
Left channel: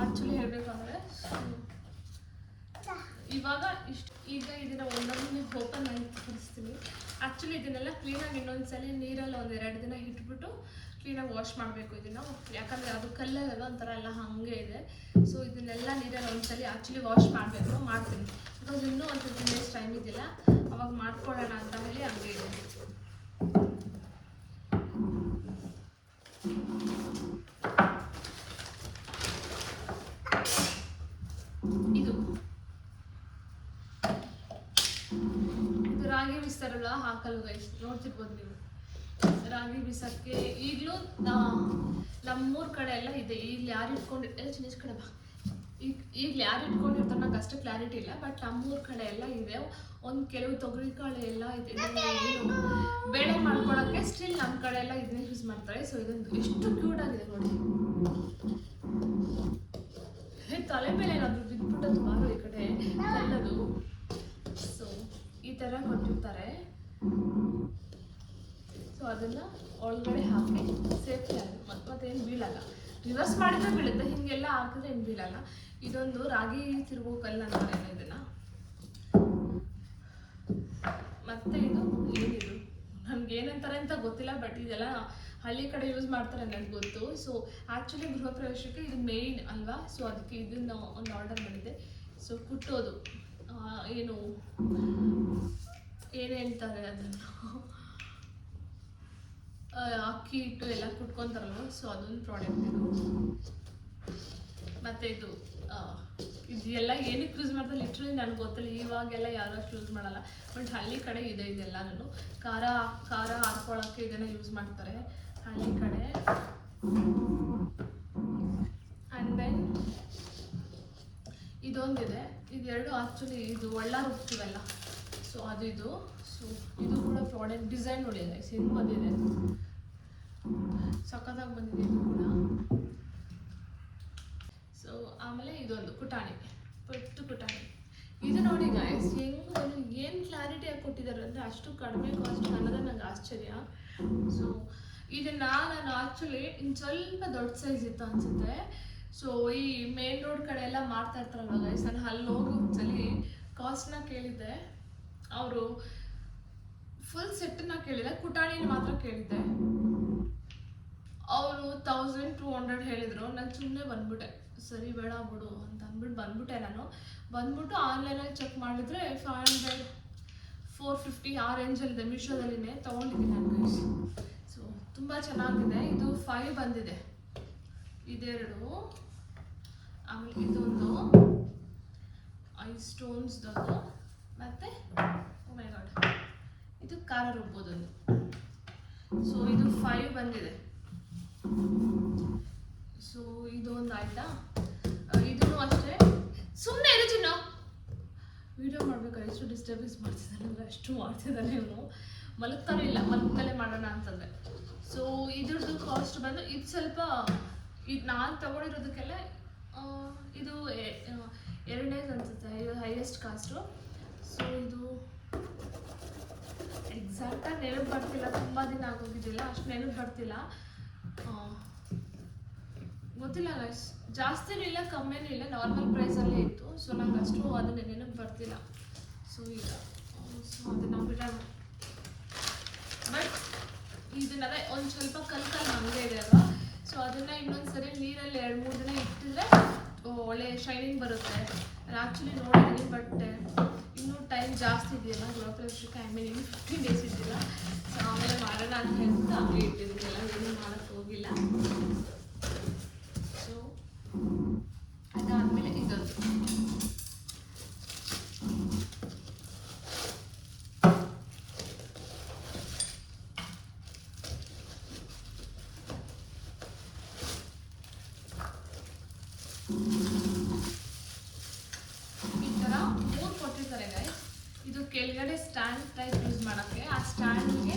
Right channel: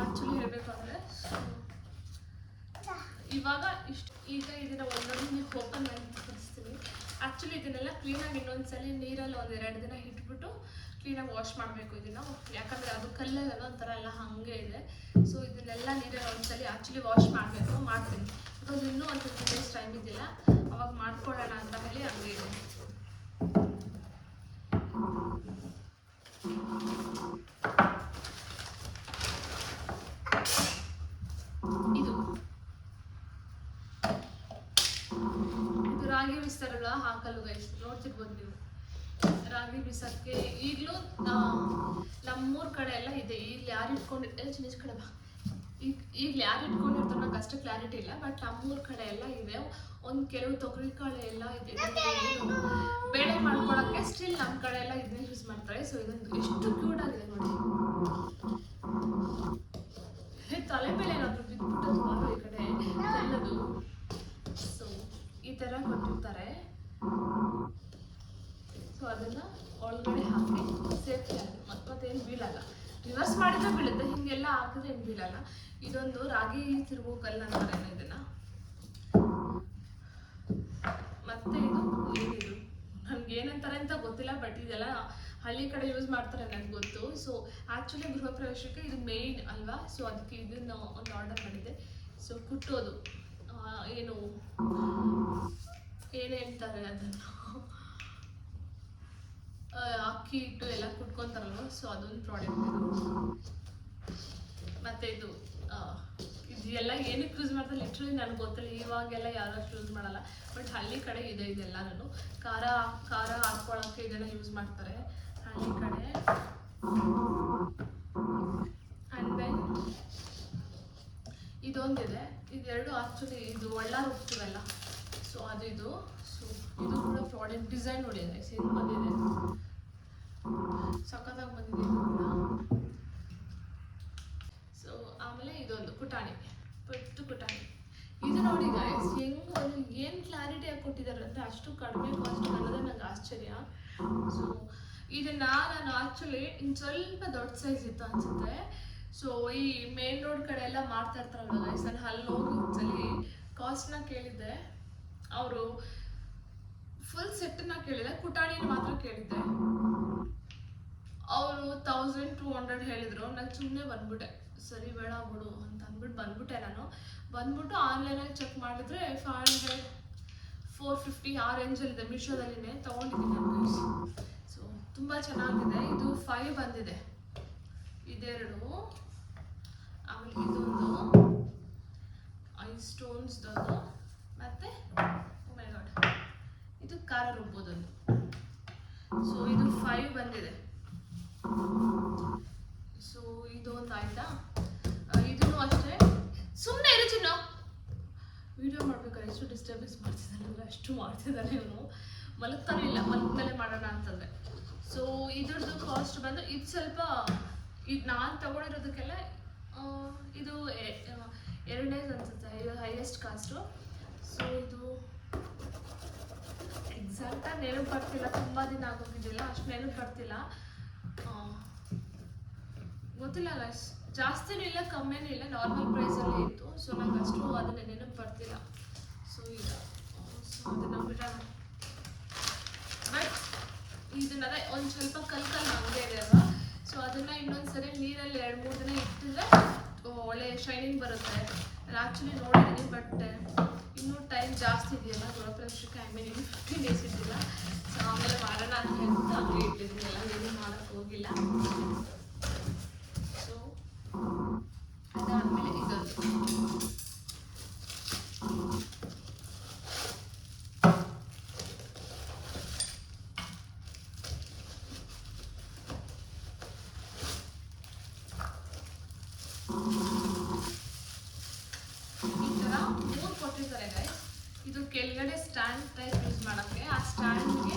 ಆ್ಯಕ್ಚುಲಿ ಹೇಳಬೇಕು ಅಂದರೆ. ಇವಾಗ ಈಗ ಇದನ್ನು ಒಂದೊಂದು ಓಪನ್ ಮಾಡಿ ತೋರಿಸ್ತೀನಿ. ಆ್ಯಕ್ಚುಲಿ ಇದನ್ನೆಲ್ಲ ಕ್ಲೀನಾಗಿ ಇನ್ನೊಂದ್ಸಲಿ ನೀರಲ್ಲಿ 1-2 ದಿನ ಇಟ್ಬಿಟ್ಟು ಕ್ಲೀನಾಗಿ ವಾಶ್ ಮಾಡಬೇಕು ಇದನ್ನು, ಯಾಕಂದರೆ ಅದು ಕಲ್ಲಲ್ಲ ಒಂಥರ ಎಲ್ಲ ಹಾಗೆ ಇದೆ. ಸೊ ಇದನ್ನೆಲ್ಲ ನೀರಲ್ಲಿ ಒಂದ್ಸಲಿ ಆ್ಯಕ್ಚುಲಿ ವಾಶ್ ಮಾಡಬೇಕು, ಮಾಡ್ತೀನಿ. ಬಿಕಾಸ್ ಇನ್ನೂ ಒಂದು 15 days ಟೈಮ್ ಇದೆಯಲ್ಲ, ಅವಾಗ ಮಾಡ್ಕೊಳ್ಳೋಣ ಅಂತ ಹೇಳಿ ಹಂಗೆ ಇದೆ. ಇದು ರಾಗಿ ಬಿಸ್ತಾರಲ್ಲ ಹಾಕಲ್ವ ಗೈಸ್, ನೋಡ್ತಿರ್ಬೋದು ನೀವು. ರಾಗಿ ಬಿಸಕ್ಕೆ ಈಗಲೂ ನಮ್ಮೂರ ಕಡೆ ಎಲ್ಲ ಇದೆ. ಇಲ್ಲಿ ಯಾರು ಇಟ್ಕೊಂಡಿರ್ತಾರೆ ಚಿನ್ನ ಕಡೆ ಬಾ, ಈಗಲೂ ಯಾರು ಇಟ್ಕೊಂಡಿರ್ತಾರೆ ನಂಗೆ ಅಷ್ಟು ಕ್ಲಾರಿಟಿ ಇಲ್ಲ. ಬಟ್ ನಮ್ಮೂರ ಕಡೆ ಎಲ್ಲ ಇದೆ, ಒಂದು ಕೆಲವು ತೊಗರಿ ಕಾಳು ಎಲ್ಲ ಇದೆ. ಬೇಳೆ ಮಾಡ್ಕೊಳಕ್ಕೆ ಸ್ಟಿಲ್ ನಮ್ಮ ಕಡೆ ಎಲ್ಲ ಇದನ್ನೇ ಯೂಸ್ ಮಾಡ್ತಾರೆ. ಸೊ ಇದೊಂದು ಎಷ್ಟು ಕ್ಯೂಟ್ ಆಗಿದೆ ನೋಡಿ, ತಲೆ ಮೇಲೆ ಏನಾದರೂ ಬಿಟ್ಬಿಡೋದು ಬಾರೋ ಈ ಕಡೆ ಕಲ್ಲದು. ಸೊ ಈ ಥರ ಕೊಟ್ಟಿರ್ತಾರೆ. ಸೊ ಅದನ್ನು ಒಳಗಡೆ ಹಾಕಿ ಸೇಫ್ಟಿ ಆಗುತ್ತೆ, ಮತ್ತೇನು ಬೀಳಲ್ಲ. ರಿವರ್ಸ್ ಮಾಡಿದ್ರೆ ಬೀಳುತ್ತೆ, ಹಿಂಗೆಲ್ಲ ಹಾಕಿದ್ರೆ ಏನು ಬೀಳಲ್ಲ. ಇದೊಂದು ರಾಗಿ ತಿರುಗೋ ಕಲ್ಲು ಅಂತಾರಲ್ಲ ಇದನ್ನ. ಮತ್ತೆ ಇದು ಏನಿದು ನಮ್ಗೆ ಏನಂತಾರೆ ಅಂತ ಗೊತ್ತಿಲ್ಲ, ಬಟ್ ಇದೆಲ್ಲ ಹಳ್ಳಿ ಕಡೆ ಯೂಸ್ ಮಾಡ್ತಾರೆ ನನಗೆ ಗೊತ್ತು. ಸೊ ಆ್ಯಕ್ಚುಲಿ ಗೃಹ ಪ್ರವೇಶಕ್ಕೆ ಇದು ಮೇಯ್ನ್ ಅಲ್ವಾ, ಸೊ ಅದಕ್ಕೆ ಇದನ್ನ ಒಂದು ಆರ್ಡರ್ ಮಾಡಿದೆ. ಸೊ ಕುಟ್ಟೋದು ಏನು ಏನೇ ಹೇಳ್ತಾರೆ ಅದನ್ನು ಅಕ್ಕಿ ಹಿಟ್ಟು ಎಲ್ಲ ಕುಟ್ಕೊತಾರಲ್ವ, ಸೊ ಅದೊಂದು ಪ್ರಾಡಕ್ಟ್ ಇದು. ಮತ್ತು ಇದು ಇದೆಲ್ಲ ಏನಕ್ಕೆ ಯೂಸ್ ಮಾಡ್ತಾರೆ ಲಿಟ್ರಲಿ ನನಗೆ ಗೊತ್ತಿಲ್ಲ, ಇವಾಗೆಲ್ಲ ಯಾರು ಅಷ್ಟು ಯೂಸ್ ಮಾಡಲ್ಲ, ಬಟ್ ಹಳ್ಳಿ ಕಡೆ ಇದೆ ಇದೆಲ್ಲನೂ. ಖಾರ ಹಾಕ್ಕೊಳ್ಳೋಕ್ಕೆ ಇದನ್ನು ಯೂಸ್ ಮಾಡ್ತಾರೆ ಹಳ್ಳಿ ಕಡೆ. ಆ್ಯಂಡ್ ದೆನ್ ಇದೊಂದಿದೆ, ಇದೆರಡು ಆ್ಯಕ್ಚುಲಿ ಇದು ಒಳ್ಳ ರುಬ್ತೀವಲ್ಲ, ಸೊ ಅದು ಇದು. ಸೊ ಇದು ಕೂಡ ಪ್ರಾಡಕ್ಟ್ ಡಿಸೈನ್ ನೋಡಿದೆ, ಹೆಂಗೆ ಬಂದಿದೆ, ಸಖತ್ತಾಗಿ ಬಂದಿದೆ ಇದು ಕೂಡ. ಸೊ ಆಮೇಲೆ ಇದೊಂದು ಕುಟಾಣಿ, ಪಟ್ಟು ಕುಟಾಣಿ. ಇದು ನೋಡಿ ಗೈಸ್, ಹೆಂಗೆ ಏನು ಕ್ಲಾರಿಟಿಯಾಗಿ ಕೊಟ್ಟಿದ್ದಾರೆ ಅಂದರೆ ಅಷ್ಟು ಕಡಿಮೆ ಕಾಸ್ಟ್ ಅನ್ನೋದೇ ನಂಗೆ ಆಶ್ಚರ್ಯ. ಸೊ ಇದನ್ನ ನಾನು ಆ್ಯಕ್ಚುಲಿ ಇನ್ನು ಸ್ವಲ್ಪ ದೊಡ್ಡ ಸೈಜ್ ಇತ್ತು ಅನಿಸುತ್ತೆ. ಸೊ ಈ ಮೇನ್ ರೋಡ್ ಕಡೆ ಎಲ್ಲ ಮಾಡ್ತಾ ಇರ್ತಾರಲ್ವ ಗೈಸ್, ನಾನು ಅಲ್ಲಿ ಹೋಗಿ ಒಂದ್ಸಲಿ ಕಾಸ್ಟ್ನ ಕೇಳಿದ್ದೆ. ಅವರು ಫುಲ್ ಸೆಟ್ಟನ್ನ ಕೇಳಿದೆ, ಕುಟಾಣಿನ ಮಾತ್ರ ಕೇಳಿದ್ದೆ. ಅವರು 1200 ಹೇಳಿದ್ರು. ನಾನು ಸುಮ್ಮನೆ ಬಂದ್ಬಿಟ್ಟೆ, ಸರಿ ಬೇಡ ಬಿಡು ಅಂತ ಅಂದ್ಬಿಟ್ಟು ಬಂದ್ಬಿಟ್ಟೆ. ನಾನು ಬಂದ್ಬಿಟ್ಟು ಆನ್ಲೈನಲ್ಲಿ ಚೆಕ್ ಮಾಡಿದ್ರೆ 500 450 ಆ ರೇಂಜಲ್ಲಿದೆ, ಮೀಶೋದಲ್ಲಿನೇ ತೊಗೊಂಡಿದ್ದೀನಿ ನಾನು ಗೈಸ್. ಸೊ ತುಂಬ ಚೆನ್ನಾಗಿದೆ. ಇದು 5 ಬಂದಿದೆ, ಇದೆರಡು. ಆಮೇಲೆ ಇದೊಂದು ಐ ಸ್ಟೋನ್ಸ್ದದು, ಮತ್ತು ಓ ಮೈ ಗಾಡ್ ಇದು ಖಾರ ರುಬ್ಬೋದೊಂದು. ಸೊ ಇದು 5 ಬಂದಿದೆ. ಸೊ ಇದೊಂದು ಆಯ್ತಾ. ಇದನ್ನು ಅಷ್ಟೇ, ಸುಮ್ಮನೆ ಇರು ಚಿನ್ನ, ವಿಡಿಯೋ ಮಾಡ್ಬೇಕಾದ್ರೆ ಎಷ್ಟು ಡಿಸ್ಟರ್ಬೆನ್ಸ್ ಮಾಡ್ತಿದ್ದಾನೆ ಅಂದರೆ ಅಷ್ಟು ಮಾಡ್ತಿದ್ದಾನೆ ಇವನು. ಮಲಗ್ತಾನೆ ಇಲ್ಲ, ಮಲಗ್ತಲೇ ಮಾಡೋಣ ಅಂತಂದರೆ. ಸೊ ಇದ್ರದ್ದು ಕಾಸ್ಟ್ ಬಂದು ಇದು ಸ್ವಲ್ಪ, ಇದು ನಾನು ತೊಗೊಂಡಿರೋದಕ್ಕೆಲ್ಲ ಇದು 2 ಡೇಸ್ ಅನಿಸುತ್ತೆ, ಇದು ಹೈಯೆಸ್ಟ್ ಕಾಸ್ಟು. ಸೊ ಇದು ಎಕ್ಸಾಕ್ಟಾಗಿ ನೆನಪು ಬರ್ತಿಲ್ಲ, ತುಂಬ ದಿನ ಆಗೋಗಿದ್ದಿಲ್ಲ, ಅಷ್ಟು ನೆನಪು ಬರ್ತಿಲ್ಲ, ಗೊತ್ತಿಲ್ಲ ಗೈಸ್. ಜಾಸ್ತಿನೂ ಇಲ್ಲ ಕಮ್ಮಿನೂ ಇಲ್ಲ, ನಾರ್ಮಲ್ ಪ್ರೈಸಲ್ಲೇ ಇತ್ತು. ಸೊ ನಂಗೆ ಅಷ್ಟು ಅದನ್ನ ನೆನಪು ಬರ್ತಿಲ್ಲ. ಸೊ ಈಗ ಅದನ್ನು ಬಿಡೋಣ. ಬಟ್ ಇದನ್ನದೇ ಒಂದು ಸ್ವಲ್ಪ ಕಲ್ಲು ಹಂಗೆ ಇದೆ ಅಲ್ವಾ, ಸೊ ಅದನ್ನು ಇನ್ನೊಂದ್ಸರಿ ನೀರಲ್ಲಿ 2-3 ದಿನ ಇಟ್ಟಿದ್ರೆ ಒಳ್ಳೆ ಶೈನಿಂಗ್ ಬರುತ್ತೆ. ಆ್ಯಕ್ಚುಲಿ ನೋಡಿದ್ದೀನಿ, ಬಟ್ ಇನ್ನೂ ಟೈಮ್ ಜಾಸ್ತಿ ಇದೆಯಲ್ಲ ಗೃಹ ಪ್ರವೇಶಕ್ಕೆ, ಐ ಮೀನ್ ಇನ್ನು 15 ಡೇಸ್ ಇಟ್ಟಿಲ್ಲ. ಸೊ ಆಮೇಲೆ ಮಾಡೋಣ ಅಂತ ಹೇಳ್ಬಿಟ್ಟು ಹಂಗೆ ಇಟ್ಟಿದ್ದೀನಿ, ಎಲ್ಲ ಏನು ಮಾಡೋಕ್ಕೆ ಹೋಗಿಲ್ಲ. ಸೊ ಅದಾದಮೇಲೆ ಇದೊಂದು ಈ ಥರ 3 ಕೊಟ್ಟಿರ್ತಾರೆ ಗೈಸ್. ಇದು ಕೆಳಗಡೆ ಸ್ಟ್ಯಾಂಡ್ ಟೈಪ್ ಯೂಸ್ ಮಾಡೋಕ್ಕೆ, ಆ ಸ್ಟ್ಯಾಂಡ್ಗೆ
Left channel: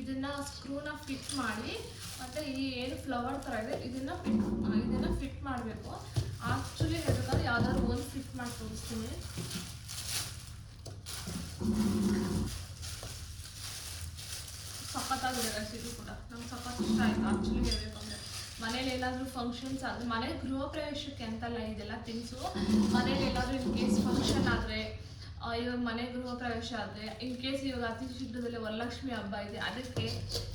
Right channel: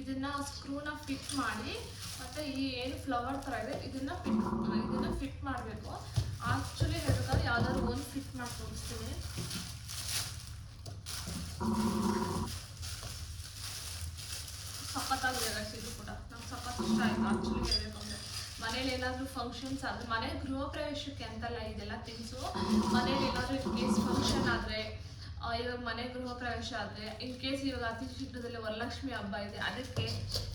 ಇದನ್ನು ಸ್ಕ್ರೂನ ಫಿಟ್ ಮಾಡಿ, ಮತ್ತು ಈ ಏನು ಫ್ಲವರ್ ಥರ ಇದೆ ಇದನ್ನು ಫಿಟ್ ಮಾಡಬೇಕು. ಆ್ಯಕ್ಚುಲಿ ಹೇಳಬೇಕಾದ್ರೆ ಯಾವುದಾದ್ರು ಒಂದು ಫಿಟ್ ಮಾಡಿ ತೋರಿಸ್ತೀನಿ. ಸಖತ್ತಾಗಿದೆ ಗೈಸ್, ಇದು ಕೂಡ ನಂಗೆ ಸಖತ್ ಇಷ್ಟ ಆಯಿತು ಆ್ಯಕ್ಚುಲಿ ಹೇಳಬೇಕು ಅಂದರೆ. ಮನೇಲಿ ಏನಾದರೂ ಫಂಕ್ಷನ್ಸ್ ಆದರೆ, ಮನೆ ಗೃಹ ಪ್ರವೇಶಕ್ಕೆ ಅಂತಲ್ಲ ಇದೆಲ್ಲ ಥಿಂಗ್ಸು, ಮನೇಲಿ ಎಲ್ಲಾದರೂ ಇನ್ ಕೇಸ್ ಫಂಕ್ಷನ್ ಆದರೆ, ಇವಾಗ ಮನೆ ಗೃಹ ಪ್ರವೇಶ ಆದರೆ, ಇನ್ ಕೇಸ್ ಇವಾಗ ಅತಿ ಶೀಘ್ರದಲ್ಲಿ ವರಲಕ್ಷ್ಮಿ ಹಬ್ಬ ಇದೆ, ಅದಕ್ಕೆ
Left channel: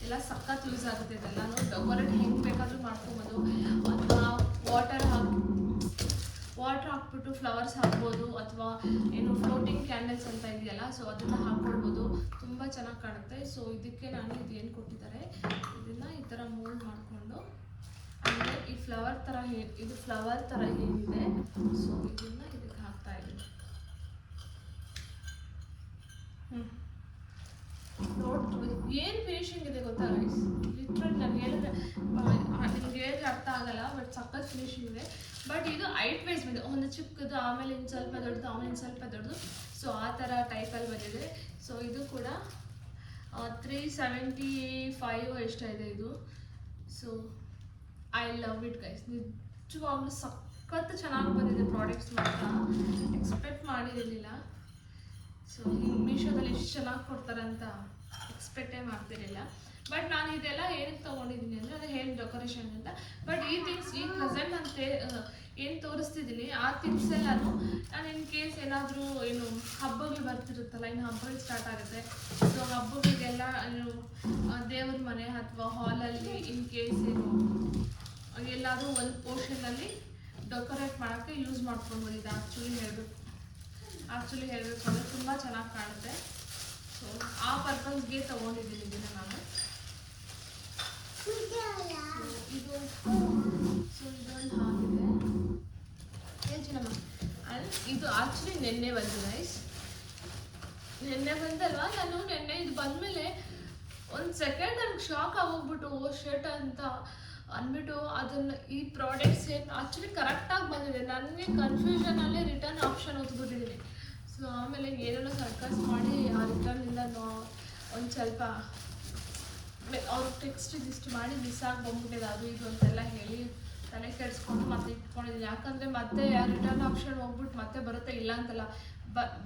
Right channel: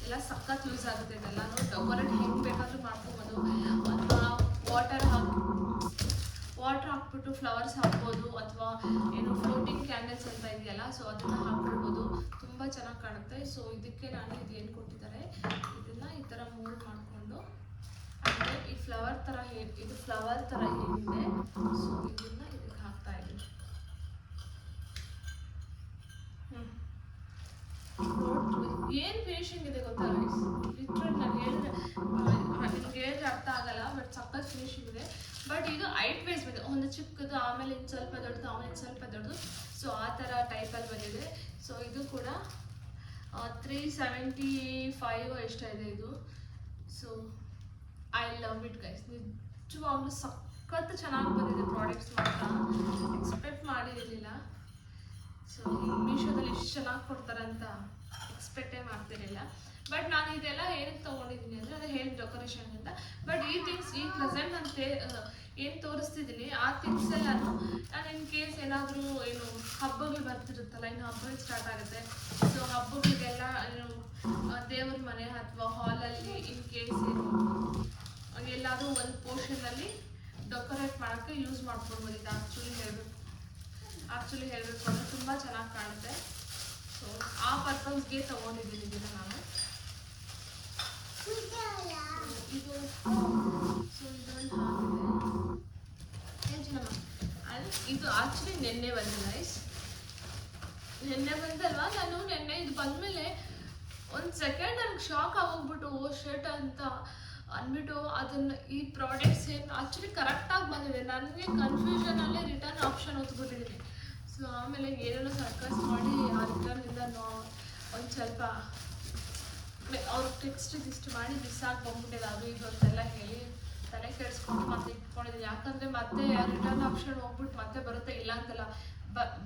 ಎಲ್ಲ ಸಖತ್ ಯೂಸ್ ಆಗುತ್ತೆ. ಇದೆಲ್ಲನೂ ಡೆಕೋರೇಟ್ ಹೆಂಗೆ ಬೇಕಾದರೂ ಮಾಡ್ಕೋಬೋದು, ಅಥವಾ ವಾಟರ್ ಹಾಕ್ಬಿಟ್ಟು ಫ್ಲವರ್ಸ್ ಹಾಕ್ಬೋದು, ಅಥವಾ ಏನು ಫ್ಲೋಟಿಂಗ್ ಕ್ಯಾಂಡಲ್ಸ್ ಅಂತ ಇದೆಯಲ್ಲ, ಸೊ ಅದನ್ನು ಹಾಕ್ಕೊಳ್ಬೋದು, ತುಂಬ ಚೆನ್ನಾಗಿ ಕಾಣುತ್ತೆ. ಸೊ ಇದಕ್ಕೆ ನಾನು ಇದೇನು ಕೊಟ್ಟಿದ್ದಾರೆ, ಇದನ್ನು ಈ ಥರ ಮೋಲ್ಡ್ ಮಾಡಿಕೊಂಡು, ಅಂದರೆ ಈ ಫ್ಲವರ್ ಥರ ಇದು ಫ್ಲವರ್ ಥರ ಏನಿದೆ, ಸೊ ಇದನ್ನು ಇದಕ್ಕೆ ಹಾಕ್ತಾ ಇದ್ದೀನಿ. ಏನು ಫಿನಿಶಿಂಗ್ ಇದೆ ಗೊತ್ತಾ ಗೈಸ್, ಲಿಟ್ರಲಿ ನಾನು ಹೇಳಿದ್ರೆ ನಿಮ್ಗೆ ಹೇಳಿದ್ರೆ ಅರ್ಥ ಆಗಲ್ಲ, ಬಟ್ ಸಖತ್ ಫಿನಿಶಿಂಗ್ ಇದೆ. ಬಟ್ ಇದು 8 ವೈಸ್ ಬಂದಿದೆ, ಒಂದು ಚಿಕ್ಕದು, ಆಮೇಲೆ ಇನ್ನು ಸ್ವಲ್ಪ ದೊಡ್ಡದು, ಆಮೇಲೆ ಇನ್ನು ಸ್ವಲ್ಪ ದೊಡ್ಡದು, ಸೊ ಆ ಥರ ಟೈಪಲ್ಲಿ ಬಂದಿದೆ. ಸೊ ಇದು ಕೂಡ 375 ಎಷ್ಟಾಯಿದೆ ಇದು. So I love it guys, ನಿಜವಾಗ್ಲೂ ಸಖತ್ ಚೆನ್ನಾಗಿ ಬಂದಿದೆ ಪ್ರಾಡಕ್ಟ್ಸ್ ಮಾತ್ರ, ಎಕ್ಸ್ಪೆಕ್ಟ್ ಮಾಡಿರಲಿಲ್ಲ. ಸೊ ಮೀಶೋದಲ್ಲಿ ಎಷ್ಟು ಚೆನ್ನಾಗಿ ಕೊಡ್ತಾರೆ ಅಂತ ಎಕ್ಸ್ಪೆಕ್ಟೇ ಮಾಡ್ತಿರಲಿಲ್ಲ. ಬಟ್ ನಾನು ಇದೆಲ್ಲ ಏನಕ್ಕೆ ತೊಗೊಂಡಿದ್ದೀನಿ ಅಂದರೆ ಅದು ಹೇರ್ ಡೆಕೋರೇಷನ್ ಅಂತ. ಬಟ್ ಈ ಥಿಂಗ್ಸ್ ಈ ಪ್ರೆಸೆಂಟ್ ಅಂತ ಏನು ತೋರಿಸ್ತಿದ್ದೀನಿ ಆ ಥಿಂಗ್ಸ್ ಎಲ್ಲಾನು ನಾನು ಇನ್ ಕೇಸ್ ಏನಾದರೂ ಏನು ಹಬ್ಬಗಳು ಬರ್ತಿರುತ್ತಲ್ಲ, ಇನ್ನು ಹಬ್ಬಗಳು ಸ್ಟಾರ್ಟ್ ಆಗುತ್ತೆ. ಸೊ ಹಬ್ಬಗಳಿಗೆಲ್ಲ ಏನು ದೇವ್ರ ಮನೆ ಅಥವಾ ಹಾಲಲ್ಲಿ ಇನ್ ಕೇಸ್ ಏನು ಎಲ್ಲಾದರೂ ಒಂದು ಪೋರ್ಷನಲ್ಲಿ ಡೆಕೋರೇಟ್ ಮಾಡೋಕ್ಕೆ ಯೂಸ್ ಮಾಡ್ಕೊಬೋದು. ಇದು ಆ್ಯಕ್ಚುಲಿ ಹೇಳಬೇಕು ಅಂದರೆ ತುಂಬ ಚೆನ್ನಾಗಿ ಕಾಣುತ್ತೆ. ಸೊ ಆ ಪರ್ಪಸ್ಗೆ ತೊಗೊಂಡಿದ್ದೀನಿ ಇದನ್ನು ನಾನು. ಇದು ಸೊ ಇದರಲ್ಲಿ ಹಾಕಿದೆ ಆ್ಯಂಡ್ ಇದು ಆ್ಯಕ್ಚುಲಿ ನೆನ್ನೆ ಬಂತು ಗೈಸ್. ನೆನ್ನೆ ಬಂದಲ್ವಾ, ನಾನು ನೆನ್ನೆ ಇದು ಬಂದಮೇಲೆ ಒಂದು ಸೆಕೆಂಡ್ ನನಗೆ ಶಾಕ್ ಆಗೋಗ್ಬಿಟ್ಟು ಓ ಶರ್ಟ್ ಅಂತ ಅಂದ್ಬಿಟ್ಟು ಅದನ್ನು ಈ ಪ್ರಾಡಕ್ಟ್ಸ್ ಏನು ಆ್ಯಕ್ಚುಲಿ ಕರೆಕ್ಟಾಗಿ ಬಂದಿದೆ. ನನಗೆ ಕನ್ಫ್ಯೂಷನಲ್ಲೇ ರಿಟರ್ನ್ ಆಪ್ಷನ್ ಓದ್ಬಿಟ್ಟಿದ್ದೀನಿ. ಸೊ ಆಮೇಲೆ ಏನೇನೋ ಸರ್ಕಸ್ ಮಾಡಿ ಆ ರಿಟರ್ನಿಂದ ಒಂದು ಸ್ವಲ್ಪ ಅವ್ರ ಟೆಕ್ಸ್ಟ್ ಇಷ್ಟು ಮಾಡಿ ಮಿಸ್ ಆಗಿಬಿಟ್ಟಿದೆ. ಅದು ಇದು ಅಂತೆಲ್ಲ ಹೇಳಿ ತಲೆ ಕೆಡಿಸ್ಕೊಂಡು ಮತ್ತೆ ಇಟ್ಕೊಂಡಿದ್ದೀನಿ. ಯಾಕಂದರೆ ಮತ್ತೆ ರಿಟರ್ನ್ ಆಪ್ಷನ್ ಹೋಗ್ಬಿಟ್ಟು ಮತ್ತೆ ಬರುತ್ತೆ ಇಲ್ಲ ಅಂತಲ್ಲ,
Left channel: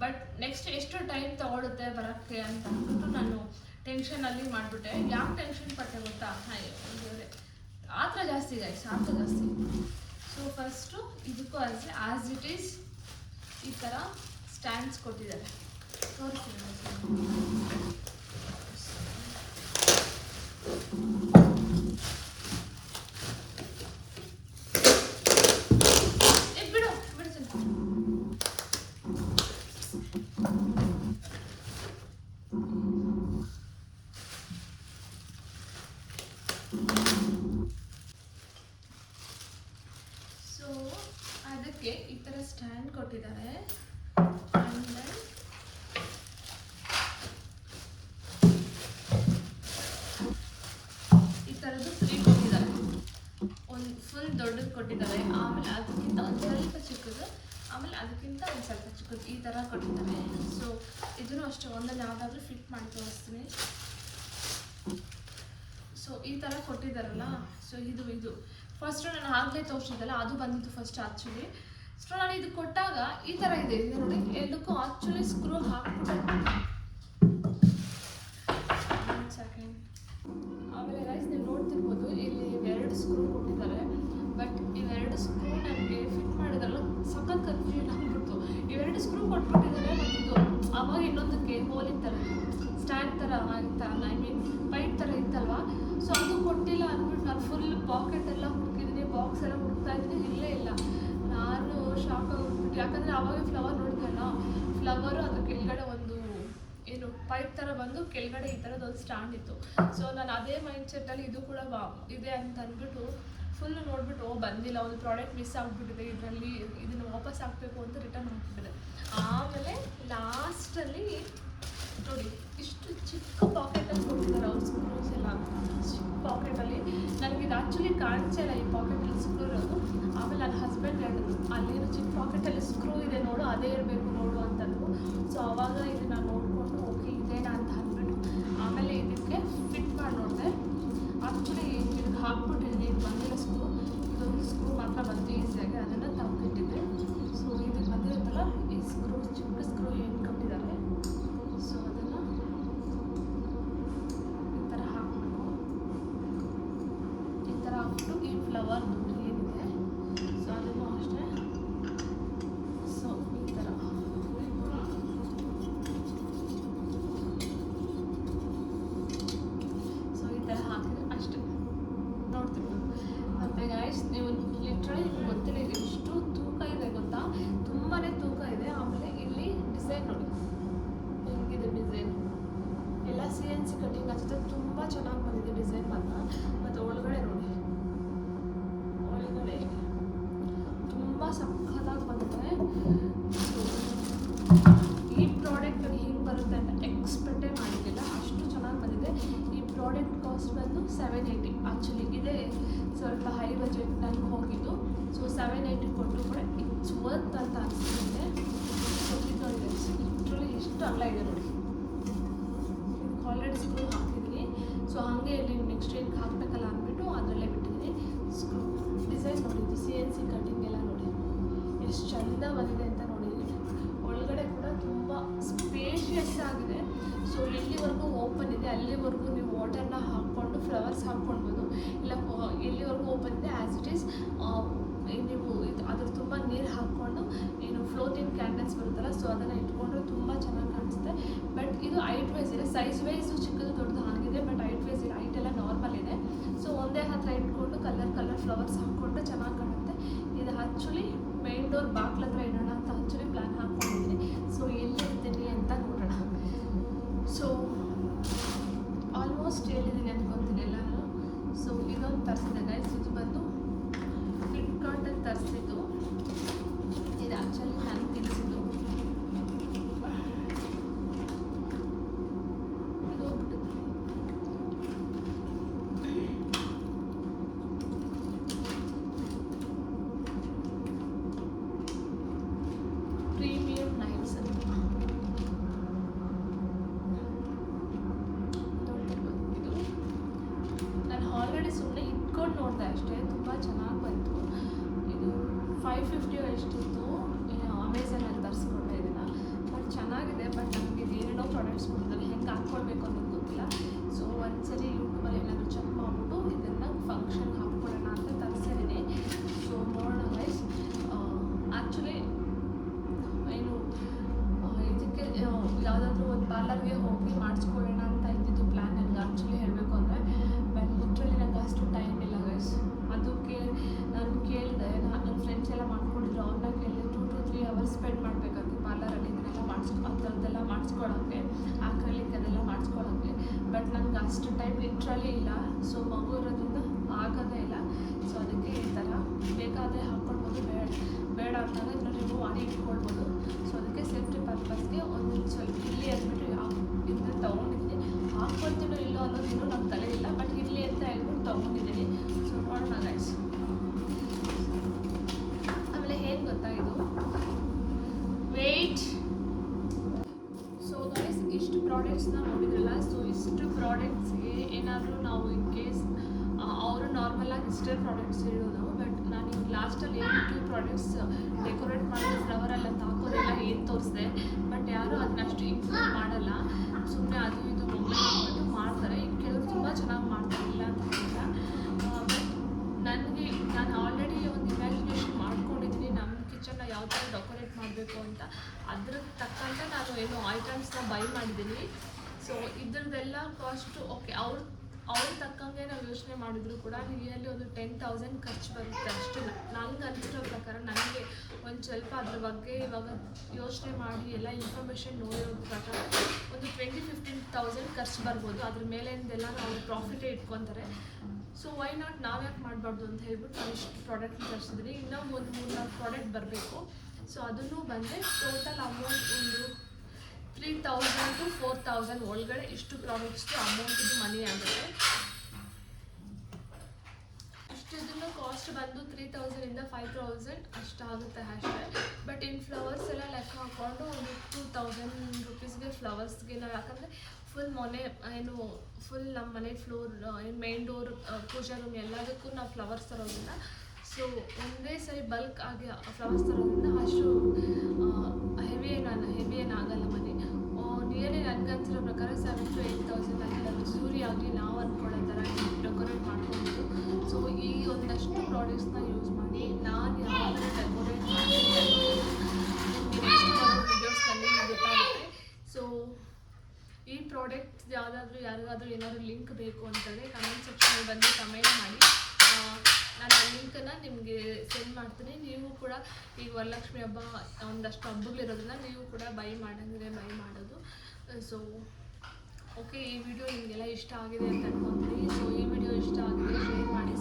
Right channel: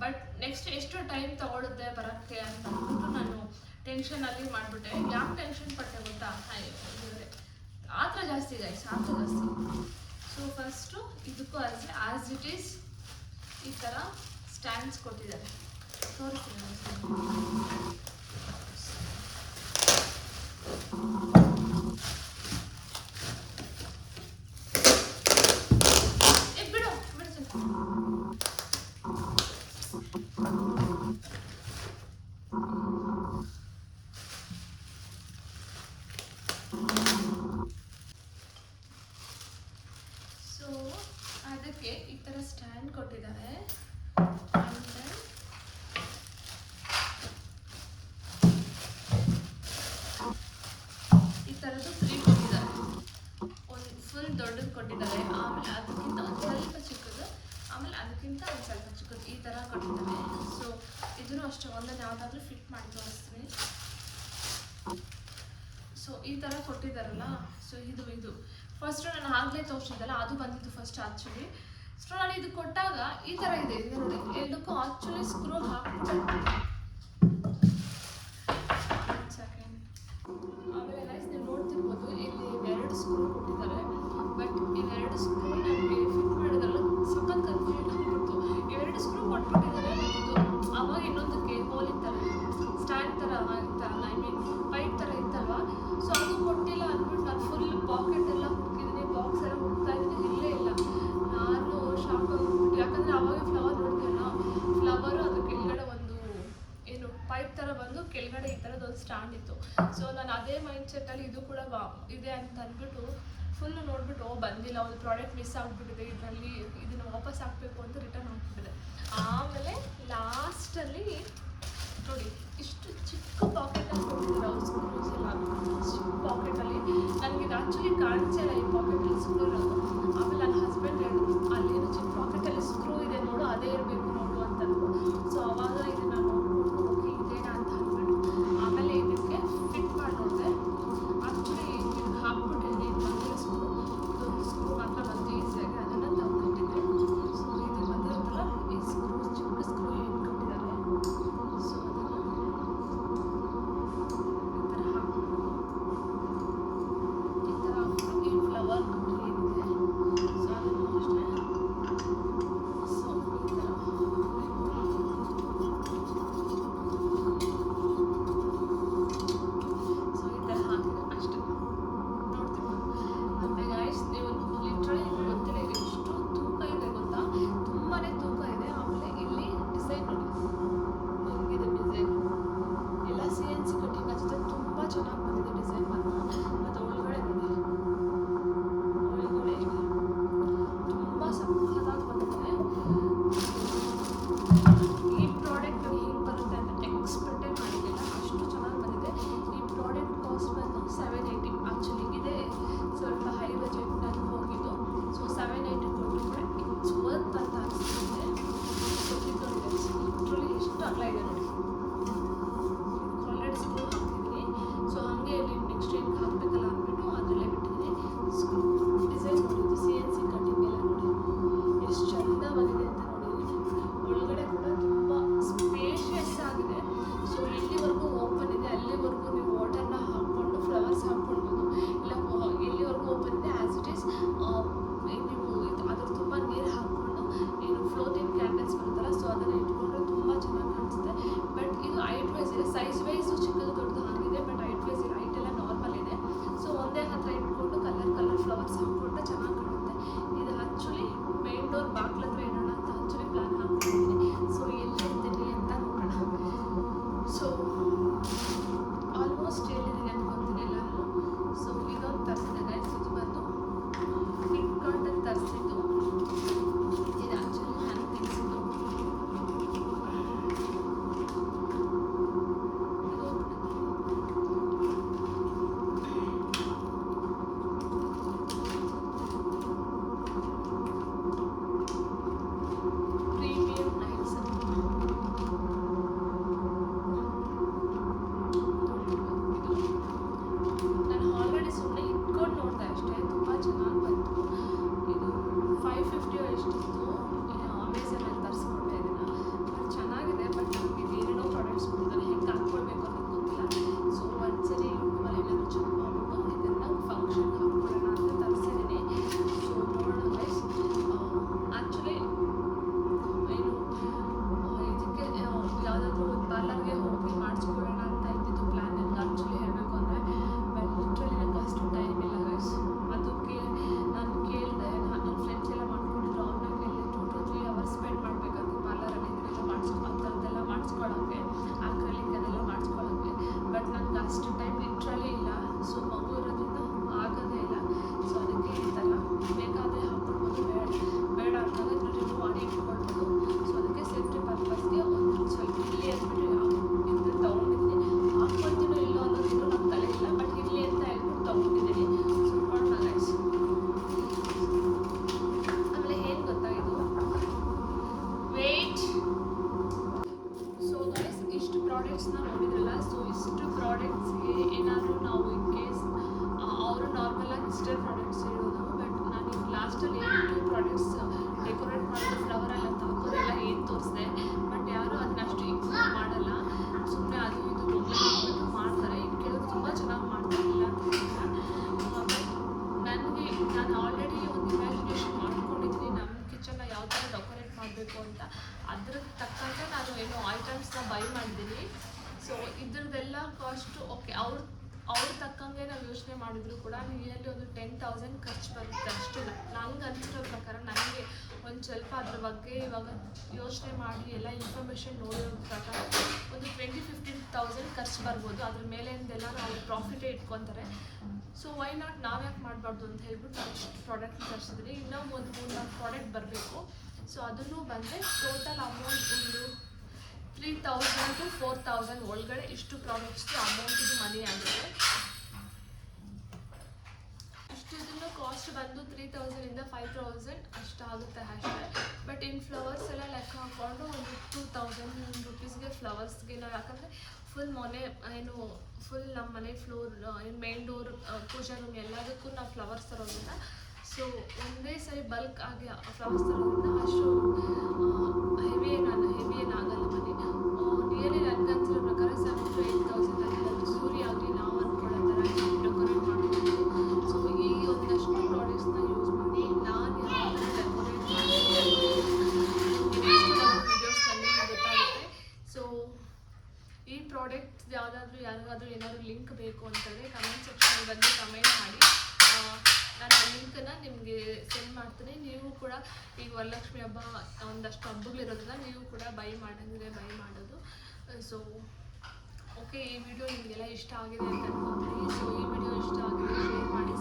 ಬಟ್ ನೆಕ್ಸ್ಟ್ ಎಷ್ಟು ಟೈಮ್ ತೊಗೊಳುತ್ತೆ ಬರೋಕ್ಕೆ ಅಂತ ಅಂದ್ಬಿಟ್ಟು ನಾನು ಟೆನ್ಷನಲ್ಲಿ ಮಾಡಿಬಿಟ್ಟೆ. ಯಾಕೆ ಟೆನ್ಷನ್ ಪಟ್ಟೆ ಗೊತ್ತಾ? ದೇವ್ರೆ ಆ ಥರ ಜಾಸ್ತಿ ಗೈಸ್, ಆ ಥರ ಜಾಸ್ತಿ. ಸೊ ಫಸ್ಟು ಇದಕ್ಕೂ ಆ್ಯಸ್ ಇಟ್ ಈಸ್ ಈ ಥರ ಸ್ಟ್ಯಾಂಡ್ಸ್ ಕೊಟ್ಟಿದ್ದಾರೆ, ನೋಡ್ತೀನಿ. ಬಿಡು ಬಿಡ್ತೀನಿ. ಸೊ ಅದಕ್ಕೆ ಈ ಥರ ಸ್ಟ್ಯಾಂಡ್ ಕೊಟ್ಟಿದ್ದಾರೆ. ದೊಡ್ಡದು ಕೊಟ್ಟಿದ್ದಾರೆ, ಆಮೇಲೆ ಅದಕ್ಕಿಂತ ಒಂದು ಸ್ವಲ್ಪ ಚಿಕ್ಕದು, ಆಮೇಲೆ ಅದಕ್ಕಿಂತ ಒಂದು ಸ್ವಲ್ಪ ಚಿಕ್ಕದು, ಈ ಥರ ಕೊಟ್ಟಿದ್ದಾರೆ. ಸೊ ಇದನ್ನು ಅಷ್ಟೇ ಒಂದನ್ನು ಯಾವುದಾದ್ರೂ ಫಿಟ್ ಮಾಡಿ ತೋರಿಸ್ತೀನಿ. ಸೊ ಈ ಥರ ಕೊಟ್ಟಿದ್ದಾರಲ್ಲ, ಸೊ ಇದು ಫಸ್ಟು ನಾನು ಆಗಲೇ ತೋರಿಸಿದ್ದಲ್ಲ, ಅದು ಬಂದಿತ್ತು ಫಸ್ಟ್ ಆ್ಯಕ್ಚುಲಿ. ಸೊ ನಾನು ಇದು ಕೊಟ್ಟಾಗ ಈ ಥರ ಇದೆ ನೋಡಿ, ಎಲ್ಲಕ್ಕೂ ಆ್ಯಕ್ಚುಲಿ ಸ್ಕ್ರೂ ಹಾಕ್ಬಿಟ್ಟು ಸೆಕೆಂಡ್. ಆಮೇಲೆ ರೈಸ್ ನೀವು ನೋಡ್ತಿರ್ಬೋದು, ಇಲ್ಲಿ 2 ಸ್ಕ್ರೂ ಕೊಟ್ಟಿದ್ದಾರೆ. ಬಟ್ ಇವೆರಡು ಸ್ಕ್ರೂ ನನಗೆ ಫಿಟ್ ಮಾಡಿದಲ್ಲ ಸಖತ್ ಕನ್ಫ್ಯೂಷನ್ ಆಗಿಬಿಡ್ತು. ಇವೆರಡು ಸ್ಕ್ರೂ ಕೊಟ್ಬಿಟ್ಟಿದ್ದಾರೆ. ಇದು ಅವಾಗ ಇನ್ನೊಂದಕ್ಕೆ ಹೋಲಿತಾರೆ ಸ್ಟ್ಯಾಂಡ್ ಥರ ಇತ್ತಲ್ಲ, ಐ ಮೀನ್ ಪೈಪ್ ಥರ ಇತ್ತಲ್ವ. ಸೊ ಅದು ಕೊಟ್ಟಿಲ್ಲ ಅಂದ್ಬಿಟ್ಟು ನಾನು ಫುಲ್ ಪಾಕೆಟ್ ಎಲ್ಲ ಹುಡುಕಿದ್ದೀನಿ, ಬಾಕ್ಸ್ ಎಲ್ಲ ಹುಡುಕ್ತಾ ಇದ್ದೀನಿ, ಇಲ್ಲೇ ಇಲ್ಲ. ನಾನು ಶಾಕ್ ಆಗಿಬಿಟ್ಟು, ಯಾಕಂದರೆ ಅವಾಗ ಫ್ಲವರ್ ಬಿಡ್ತಲ್ಲ, ಫ್ಲವರು ಅದ್ರ ಕೆಳಗಡೆ ಒಂದು ಏನು ಪೈಪ್ ಥರ ಬಂದು ಕೆಳಗಡೆ ಈ ಥರದ್ದು ಒಂದು ಸ್ಟ್ಯಾಂಡ್ ಇತ್ತು. ಸೊ ನಾನು ಅದೇ ಮೈಂಡ್ ಸೆಟ್ಟಲ್ಲಿ ಇದು ಕೂಡ ಇದೆ ಅಂತ ಅಂದ್ಬಿಟ್ಟು ಫುಲ್ ನೋಡ್ಬಿಟ್ಟು ಬಂದಿಲ್ಲ, ಒಂದು ಪ್ರಾಡಕ್ಟ್ ಮಿಸ್ ಆಗಿಬಿಟ್ಟಿದೆ ಇದರಲ್ಲಿ, ಇದನ್ನು ವಾಪಸ್ ಹಾಕಬೇಕು ಅಂತ ರಿಟರ್ನ್ ಹಾಕ್ಬಿಟ್ಟಿದೆ. ಆಮೇಲೆ ಲಾಸ್ಟಲ್ಲಿ ನೋಡಿ ಇಷ್ಟು ಚಿಕ್ಕ ಪಾಕೆಟಲ್ಲಿ ಕೊಟ್ಟಿದ್ದಾರೆ ಅವ್ರು ಸ್ಕ್ರೂಸ್ ಎಲ್ಲ. ಚಿಕ್ಕ ಪಾಕೆಟಲ್ಲಿ ನನಗೆ ಇದು ಆ್ಯಕ್ಚುಲಿ ಕಾಣಿಸಲ್ಲ ಈ ಪಾಕೆಟಲ್ಲಿ ಸ್ಕ್ರೂ ಇರೋದು. ಆಮೇಲೆ ನನ್ನ ಹಸ್ಬೆಂಡ್ ಹೇಳಿದ್ರು ಅಲ್ಲೇನು ಚಿಕ್ಕ ಪಾಕೆಟಲ್ಲಿ ಸ್ಕ್ರೂ ಇದೆ ನೋಡು, ಅದೇ ಇರಬೇಕು ನೋಡು ಅಂತಂದ್ರು. ಸೊ ಆವಾಗ ಇದನ್ನು ನೋಡ್ಕೊಂಡು ಹೋಗಿ ಇದೇನಾ ಅಂತ ಅಂದ್ಬಿಟ್ಟು ಆಮೇಲೆ ಇದಕ್ಕೆ ಫಿಟ್ ಮಾಡಿ ನೋಡಿದೆ. ಆ್ಯಕ್ಚುಲಿ ಇದು ಹಾಕ್ಬಿಟ್ಟಿದ್ದೆ ಬಂದಿರೋ ಸ್ಕ್ರೂ ಮಾತ್ರ ಬಂದು ಈಸಿಯಾಗಿ ಅದನ್ನು ತಗೊಂಡಿದ್ದೆ. ಸೊ ಇದು ಬಂದಿರುತ್ತಲ್ಲ ಈ ಸ್ಕ್ರೂ, ಚಿಕ್ಕ ಸ್ಕ್ರೂ ಏನು ಕಟ್ಟಿದ್ದಾರೆ. ಸೊ ಅದನ್ನು ಈ ಥರ ಹಾಕ್ಬಿಟ್ಟು ಈ ಫ್ಲವರ್ ಏನಿದೆ ಸೊ ಅದನ್ನು ಅಷ್ಟೇ. ಸೊ ಈ ಥರ ಹಾಕಿದ್ರೆ ಅಷ್ಟೇ ನೋಡ್ತೀವಿ. ಮತ್ತು ಗೈಸ್ ನೀವು ಲಿಟ್ರಲಿ ಗೊತ್ತಿಲ್ಲ ಇದು ಎಷ್ಟು ತೂಕ ಇದೆ ಗೊತ್ತಾ, ತುಂಬಾ ತೂಕ ಇದೆ. ಆಮೇಲೆ ಇಲ್ಲಿ ಡಿಸೈನ್ ನೋಡಿ, ಹಿಂಗಿದೆ ಡಿಸೈನ್ ಎಲ್ಲ CNC ಕಟಿಂಗ್ ಅಷ್ಟೇ, ತುಂಬ ಚೆನ್ನಾಗಿ ಬಂದಿದೆ ಡಿಸೈನ್ ಮಾತ್ರ. ಮತ್ತು ಒಳಗಡೆ ನೋಡಿ, ಒಳಗಡೆ ತುಂಬ ಸಕ್ಕತ್ತಾಗಿ ಬಂದಿದೆ. ಈ ಪ್ರಾಡಕ್ಟ್ ಹಿಂಗೆ ಬರುತ್ತೆ ಅಂತ ಎಕ್ಸ್ಪೆಕ್ಟೇ ಮಾಡಿದ್ದಿಲ್ಲ, ಅಷ್ಟು ಚೆನ್ನಾಗಿ ಬಂದಿದೆ. ಈ ಪ್ರಾಡಕ್ಟ್ ಕಾಸ್ಟ್ ಬಂದು 780 ಆ್ಯಕ್ಚುಲಿ. ಇದೆ ಸ್ವಲ್ಪ ಹೈ ಬಜೆಟ್ ಟೈಪ್ ಹೋಗಿದ್ದು. ಸೊ 780 ಕೊಟ್ಟರು ಕೂಡ ಇಟ್ಸ್ ವರ್ತ್ ಅಂತ ಅನಿಸ್ತಿದೆ. ಲಿಟ್ರಲಿ ಇಷ್ಟು ಅಲ್ಲ ಇದೆ ನೋಡಿ, ಇದಕ್ಕೆ ಆಲ್ರೆಡಿ ಸ್ಕ್ರೂ ಹಾಕ್ತಿದ್ದೀನಿ. ಸೊ ಹಾಗೆ ಇಲ್ಲಿ ನೆಕ್ಸ್ಟ್ ಏನು ಹಾಕ್ಬೇಕಲ್ಲ ಅಂದ್ಬಿಟ್ಟು ಅದರಲ್ಲೇ ಬಿಟ್ಟಿದ್ದೀನಿ. ಸ್ಕ್ರೂ ಡಿಸೈನ್ ನೋಡಿದ್ದು CNC ಕಟಿಂಗ್ ಎಲ್ಲ ನೋಡಿ ಎಷ್ಟು ಚೆಂದ ಬಂದಿದೆ ಅಂತ ನೋಡಿ. ಒಳಗಡೆ ಕೂಡ ತುಂಬ ಸ್ಪೇಷಿಯಸ್ ಆಗಿದೆ. ಸೊ ಎಲ್ಲಿವರೆಗೂ ಓಪನ್ ಇದೆ ಅಲ್ಲಿವರೆಗೂ ನೀವು ವಾಟರ್ನ ಹಾಕ್ಕೊಂಡು ಇರುತ್ತಲ್ಲ, ಸೊ ಅದನ್ನು ಇಟ್ಕೊಂಡ್ರೆ ತುಂಬ ಚೆನ್ನಾಗಿ ಕಾಣಿಸುತ್ತೆ. ಬಟ್ ಇದು ಹೈಟ್ ವೈಸ್ ಇದೆ, ಸೈಜ್ ವೈಸು ಚಿಕ್ಕದು ದೊಡ್ಡದು ಆಗಿದೆ, ಬಟ್ ಹೈಟ್ ವೈಸ್ ಇದೆ, ಹೈಟ್ ಎಲ್ಲ ನಾರ್ಮಲ್ ಇದೆ. ಸೊ ಒಂದೇ ಹತ್ರ ಇಟ್ಕೊಂಡು ಕಲರ್ ಫ್ಲವರ್ಸ್ ಇಟ್ಕೊಂಡ್ರೆ ಚೆನ್ನಾಗಿ ಕಾಣುತ್ತೆ. ಇದು ಆ್ಯಕ್ಚುಲಿ ಮೇನ್ ಡೋರ್ ಬಾಕ್ಲ ಹತ್ರ ಇಡೋಣ ಅಂತ ಆ್ಯಕ್ಚುಲಿ ಪ್ಲ್ಯಾನ್ ಹಾಕ್ಕೊಂಡಿದ್ದೀನಿ. ಸೊ ಎಲ್ಲಿರ್ತೀನಿ ಅಂತ ನೋಡೋಣ. ಸೊ ಆಲ್ಮೋಸ್ಟ್ ಹೇಳಿದ್ದೀನಿ ಅನ್ಕೊತೀನಿ ಎಲ್ಲರೂ. ಸೊ ಇದೊಂದು ತರಿಸಿದೆ ಗೈಸ್, ಇದು ಬಂದು ಫ್ಲಿಪ್ಕಾರ್ಟಲ್ಲಿ ತರಿಸಿದ್ದು. ಇದು ಆ್ಯಕ್ಚುಲಿ ನಾನು ತಿನ್ಸಿದ್ದು ಪ್ರೀಮಿಯಂ ನೈಲ್ಸ್ ಅಂತ. ನಾನು ಆಲ್ರೆಡಿ ಸುಮ್ಮನೆ ಇಟ್ಕೊಂಡು ನೋಡಿದೆ ಅಷ್ಟೇ, ತುಂಬ ಚೆನ್ನಾಗಿ ಬಂತು. ಇದು 550 ಎಷ್ಟಿತ್ತು, ಅಮೆಝಾನಲ್ಲಿ ತರಿಸ್ಕೊಂಡೆ ಇದನ್ನು. ಬಟ್ ಚೆನ್ನಾಗಿದೆ, ಬಟ್ ನನಗೆ ಬೇರೆಲ್ಲೋ ಪ್ರಾಡಕ್ಟ್ಸ್ ಕೊಡ್ತಾರೆ, ಹೆಂಗೆ ಹಾಕ್ಕೊಳ್ಬೇಕು ಅನ್ನೋದು ಗೊತ್ತಿಲ್ಲ. ಸೊ ಒಂದ್ಸರಿ ಯೂಟ್ಯೂಬಲ್ಲಿ ಏನಾದರೂ ಚೆಕ್ ಮಾಡಿಬಿಟ್ಟು ಇದನ್ನು ಫಂಕ್ಷನ್ ಹಾಕ್ಕೊಳ್ಳೋಣ ಅಂತ ತರಿಸಿದ್ದೀನಿ. ಸೊ ನೋಡೋಣ ಗೈಸ್. ಆ್ಯಕ್ಚುಲಿ ಏನು ಇದಕ್ಕೆ ಯಾವುದಾದ್ರೂ ಒಂದು ಪಾರ್ಲರ್ಗೆ ಹೋಗಿ ಮಾಡಿಸ್ಕೊಳ್ಳೋಣ ಅಂತ ಇದ್ದಿದ್ದು ಪ್ಲ್ಯಾನ್. ನನಗೆ ಆ್ಯಕ್ಚುಲಿ ಹೇಳಬೇಕು ಅಂದರೆ ಲಿಟ್ರಲಿ ನನಗೆ ಅಷ್ಟು ಟೈಮ್ ಇಲ್ಲ ಗೈಸ್. ಅದಕ್ಕೆ ನಾನು ಕೇಳಿದೆ, ನನ್ನ ಫ್ರೆಂಡ್ಸ್ ಎಲ್ಲ ಮಾಡ್ಕೊಂಡಿದ್ರು, ಅವ್ರನ್ನ ಕೇಳಿದೆ 2 to 3 hours ಸ್ಪೆಂಡ್ ಮಾಡಬೇಕಂತ ಪಾರ್ಲರಲ್ಲಿ ಇದೆಲ್ಲ ಅಂಥದ್ದೆಲ್ಲ ಮಾಡಿಸ್ಕೊಳ್ಳೋಕ್ಕೆ, ಆಕ್ರಲಿಕ್ ಅದೆಲ್ಲ ಮಾಡಿಸ್ಕೊಳ್ಳೋಕ್ಕೆ. ಬಟ್ ನನಗೆ ಅಷ್ಟು ಟೈಮ್ ಲಿಟ್ರಲಿ ಇಲ್ಲ. ಸೊ ಮಗು ಇರೋದ್ರಿಂದ ಆಗೋದೇ ಇಲ್ಲ. ಸೊ ಅದಕ್ಕೆ ಇರ್ತಲ್ಲ, ಬೇಕಾದರೆ ಹಾಕ್ಕೊಳ್ಬೋದು, ಬೇಡ ಅಂತಂದರೆ ನಾನು ಮಾಡಿ ಇಟ್ಕೊಳ್ಬೋದು. ಸೊ ಅದಕ್ಕೆ ಸೇಫ್ಟಿ ಪರ್ಪಸ್ಗೆ ಒಂದು ಸ್ವಲ್ಪ ಇಲ್ಲಿ ಅಂದ್ಬಿಟ್ಟು ಇದು ತೊಗೊಂಡಿದ್ದೀನಿ. ಹಾಕ್ಕೊಳ್ತೀನೋ ಇಲ್ಲೋ ಅನ್ನೋದು ನಮ್ಮ ತಲೆ ಇಲ್ಲ, ಬಟ್ ಇಲ್ಲಿ ಅಂತ ಹೇಳ್ಬಿಟ್ಟು ತೊಗೊಂಡಿದ್ದೀನಿ. ಸೊ ನೋಡೋಣ ಗೈಸ್. ಆಮೇಲೆ ಹೇಗೆ ಗೊತ್ತಾಗಿದ್ದು ವೆಯ್ಟ್. ಸೊ ಗೈಸ್ ಇಷ್ಟು ಪ್ರಾಡಕ್ಟ್ಸ್ನ ನೋಡಿದ್ರಲ್ಲ. ಸೊ ಇಷ್ಟು ಪ್ರಾಡಕ್ಟ್ಸ್ಗೆ ಏನಾದರೂ ನಾವು ಇನ್ ಕೇಸ್ ಅವರು ನಾರ್ಮಲಾಗಿ ಇಷ್ಟೇ ಪ್ರಾಡಕ್ಟ್ಸ್ ಇರೋದು. ಬಟ್ ನಾನು ಲಾಸ್ಟಲ್ಲಿ 2 ಪ್ರಾಡಕ್ಟ್ಸ್ ಡೆಕೋರೇಟ್ ಮಾಡೋದು, ಫ್ಲವರ್ ಎಲ್ಲ ತಾಕೋದೆಲ್ಲ ಏನು ತೋರಿಸಿದೆ. ಬಟ್ ಯಾರೂ ಅದನ್ನ ಅಷ್ಟು ಇನ್ಫಾರ್ಮ್ ಮಾಡಲ್ಲ, ಸುಮ್ಮನೆ ಅದು ಇದು ಮಾಡ್ತಾರೆ. ಕೆಲವರು ತುಂಬ ಚೆನ್ನಾಗಿ ಮಾಡ್ತಾರೆ, ಇಲ್ಲ ಅಂತ ಬಟ್ ನನಗೆ ನಾನು ಆಲ್ರೆಡಿ ಒಂದು ಇಮ್ಯಾಜಿನೇಷನ್ ಮಾಡ್ಕೊಂಡಿದ್ದೀನಿ ನಮ್ಮ ಕಿಚನ್ನ ಯಾವ ಥರ ಡೆಕೋರೇಟ್ ಮಾಡಬೇಕು ಅಂತ. ಅದ್ರ ತಕ್ಕಂತೆ ನಾನು ಏನೋ ಐಟಮ್ಸ್ನ ಬೈ ಮಾಡಿದ್ದೀನಿ. ಸೊ ಇದ್ರದ್ದೆಲ್ಲ ಕಾಸ್ಟು ಓಕೆ, ಅವ್ರ ತಕ್ಕಂಗೆ ನಾವು ಯೋಚನೆ ಮಾಡಿದ್ರು ಕೂಡ ನಿಯರ್ಲಿ ಒಂದು 10,000 ಖರ್ಚು ಬರುತ್ತೆ ಅಷ್ಟು. ನಂಗೆ ಅನಿಸಿರೋ ಪ್ರಕಾರ ನನಗೆ ಒಂದು ಸ್ವಲ್ಪ ಅದ್ರ ಬಗ್ಗೆ ಇವಾಗ ಯೋಚನೆ ಮಾಡಿ ಎಲ್ಲ ಇನ್ಫಾರ್ಮೇಷನ್ ನೋಡಿರೋ ಪ್ರಕಾರ ಒಂದು 20-15,000 ಖರ್ಚು ಬರ್ಬೋದು. ಅದ್ರ ಮೇಲಿಂದೆಲ್ಲ ನಾವು ಪ್ರಾಫಿಟೇ ಇಟ್ಕೊತಾರೆ. ಸೊ ವೈ ನಾಟ್ ನಾವ್ಯಾಕೆ ಮಾಡಬಾರ್ದು ಅಂತ ಹೇಳ್ಬಿಟ್ಟು ನಾನು ಇಷ್ಟು ಪ್ರಾಡಕ್ಟ್ ತರಿಸಿದ್ರಿ. ಇನ್ನೂ ಒಂದು 3-4 ಪ್ರಾಡಕ್ಟ್ ಬರಬೇಕು. ಸೊ ಅದನ್ನು ಬಂದರೆ ಟೋಟಲ್ ಅಮೌಂಟ್ ಒಂದು 3,000 to 4,000 ಒಳಗಡೆ ಇಷ್ಟು ಪ್ರಾಡಕ್ಟ್ಸ್ಗೆ ಅಮೌಂಟಿಗೆ ಮನಿ ಆಗುತ್ತೆ. ಇಷ್ಟದನ್ನ ಕಾಸ್ಟ್ ಬಂದು 3,000 to 5,000 ಅಷ್ಟಾಗುತ್ತೆ ಅಷ್ಟೇ. ಬಟ್ ಇನ್ನು ಫ್ಲವರ್ಸ್ ಎಲ್ಲ ಲೆಕ್ಕ ಹಾಕ್ಕೊಂಡು ಒಂದು 2,000 rupeesಗೆ ಫ್ಲವರ್ಸ್ಗೆಲ್ಲ, ಯಾಕಂದರೆ ಫುಲ್ ಮನೆ ಏನು ಫುಲ್ ನಮ್ಮ ಮನೆ ಫ್ಲೋರ್ ಏನು ಮೇನ್ ಡೋರ್ ಪೂಜಾ ರೂಮ್ ಎಲ್ಲದಕ್ಕೂ ನಾವು ಫ್ಲವರ್ಸ್ ತರೋದಿಲ್ಲ. ಸೊ ಒಂದೇ ಸರಿ ಬಲ್ಕ್ ಆಗಿ ಫ್ಲವರ್ಸ್ ತರೋದ್ರಿಂದ ಅಷ್ಟು ಹೆವಿ ಏನಾಗಲ್ಲ ಮನೆ. ನಿಯರ್ಲಿ ನನಗೆ ಅನ್ಸಿರೋ ಪ್ರಕಾರ 7,000 to 8,000 ಆಗ್ತದೆ. ಸೂರ್ಯಾವಳಿ ನಾವು ಅಂದ್ಕೊಳ್ಳೋ ಥರ ಡೆಕೋರೇಟ್ ಮಾಡ್ಕೊಂಡು. ಸೊ ಈ ಒಂದಷ್ಟು ಪ್ರಾಡಕ್ಟ್ಸ್ನ ಯೂಸ್ ಮಾಡಿ ನಾನು ಯಾವಾಗ ಡೆಕೋರೇಟ್ ಮಾಡಿ ವೀಡಿಯೋಸ್ನಲ್ಲಿ ಗೊತ್ತಾಗುತ್ತೆ. ಸೊ ಈ ಪ್ರಾಡಕ್ಟ್ಸ್ ಯಾರಿಗಾದ್ರೂ ಏನಾದರೂ ಲಿಂಕ್ ಬೇಕು ಅಂತಂದರೆ ಕಮೆಂಟ್ ಸೆಕ್ಷನ್ ಬಂದು ಕಮೆಂಟ್ ಮಾಡಿ. ನಾನು ಆ ಲಿಂಕನ್ನು ನಿಮಗೆ ಸೆಂಡ್ ಮಾಡ್ತೀನಿ. ನೀವು ಕೂಡ ಈಗ ವರಲಕ್ಷ್ಮಿ ಹಬ್ಬ ಒಂದಷ್ಟು ಹಬ್ಬಗಳಿರೋದನ್ನ ನೀವು ಕೂಡ ಬೈ ಮಾಡೋದು. ಸೊ ಓಕೆ, ಈ ವಿಡಿಯೋ ನಿಮಗೆಲ್ಲ ಇಷ್ಟ ಆಗಿದೆ ಅಂತ ಅನ್ಕೊತೀನಿ. ಸೊ ಈ ವಿಡಿಯೋ ಇಷ್ಟ ಆಗಿದೆ ಶೇರ್ ಮಾಡಿ,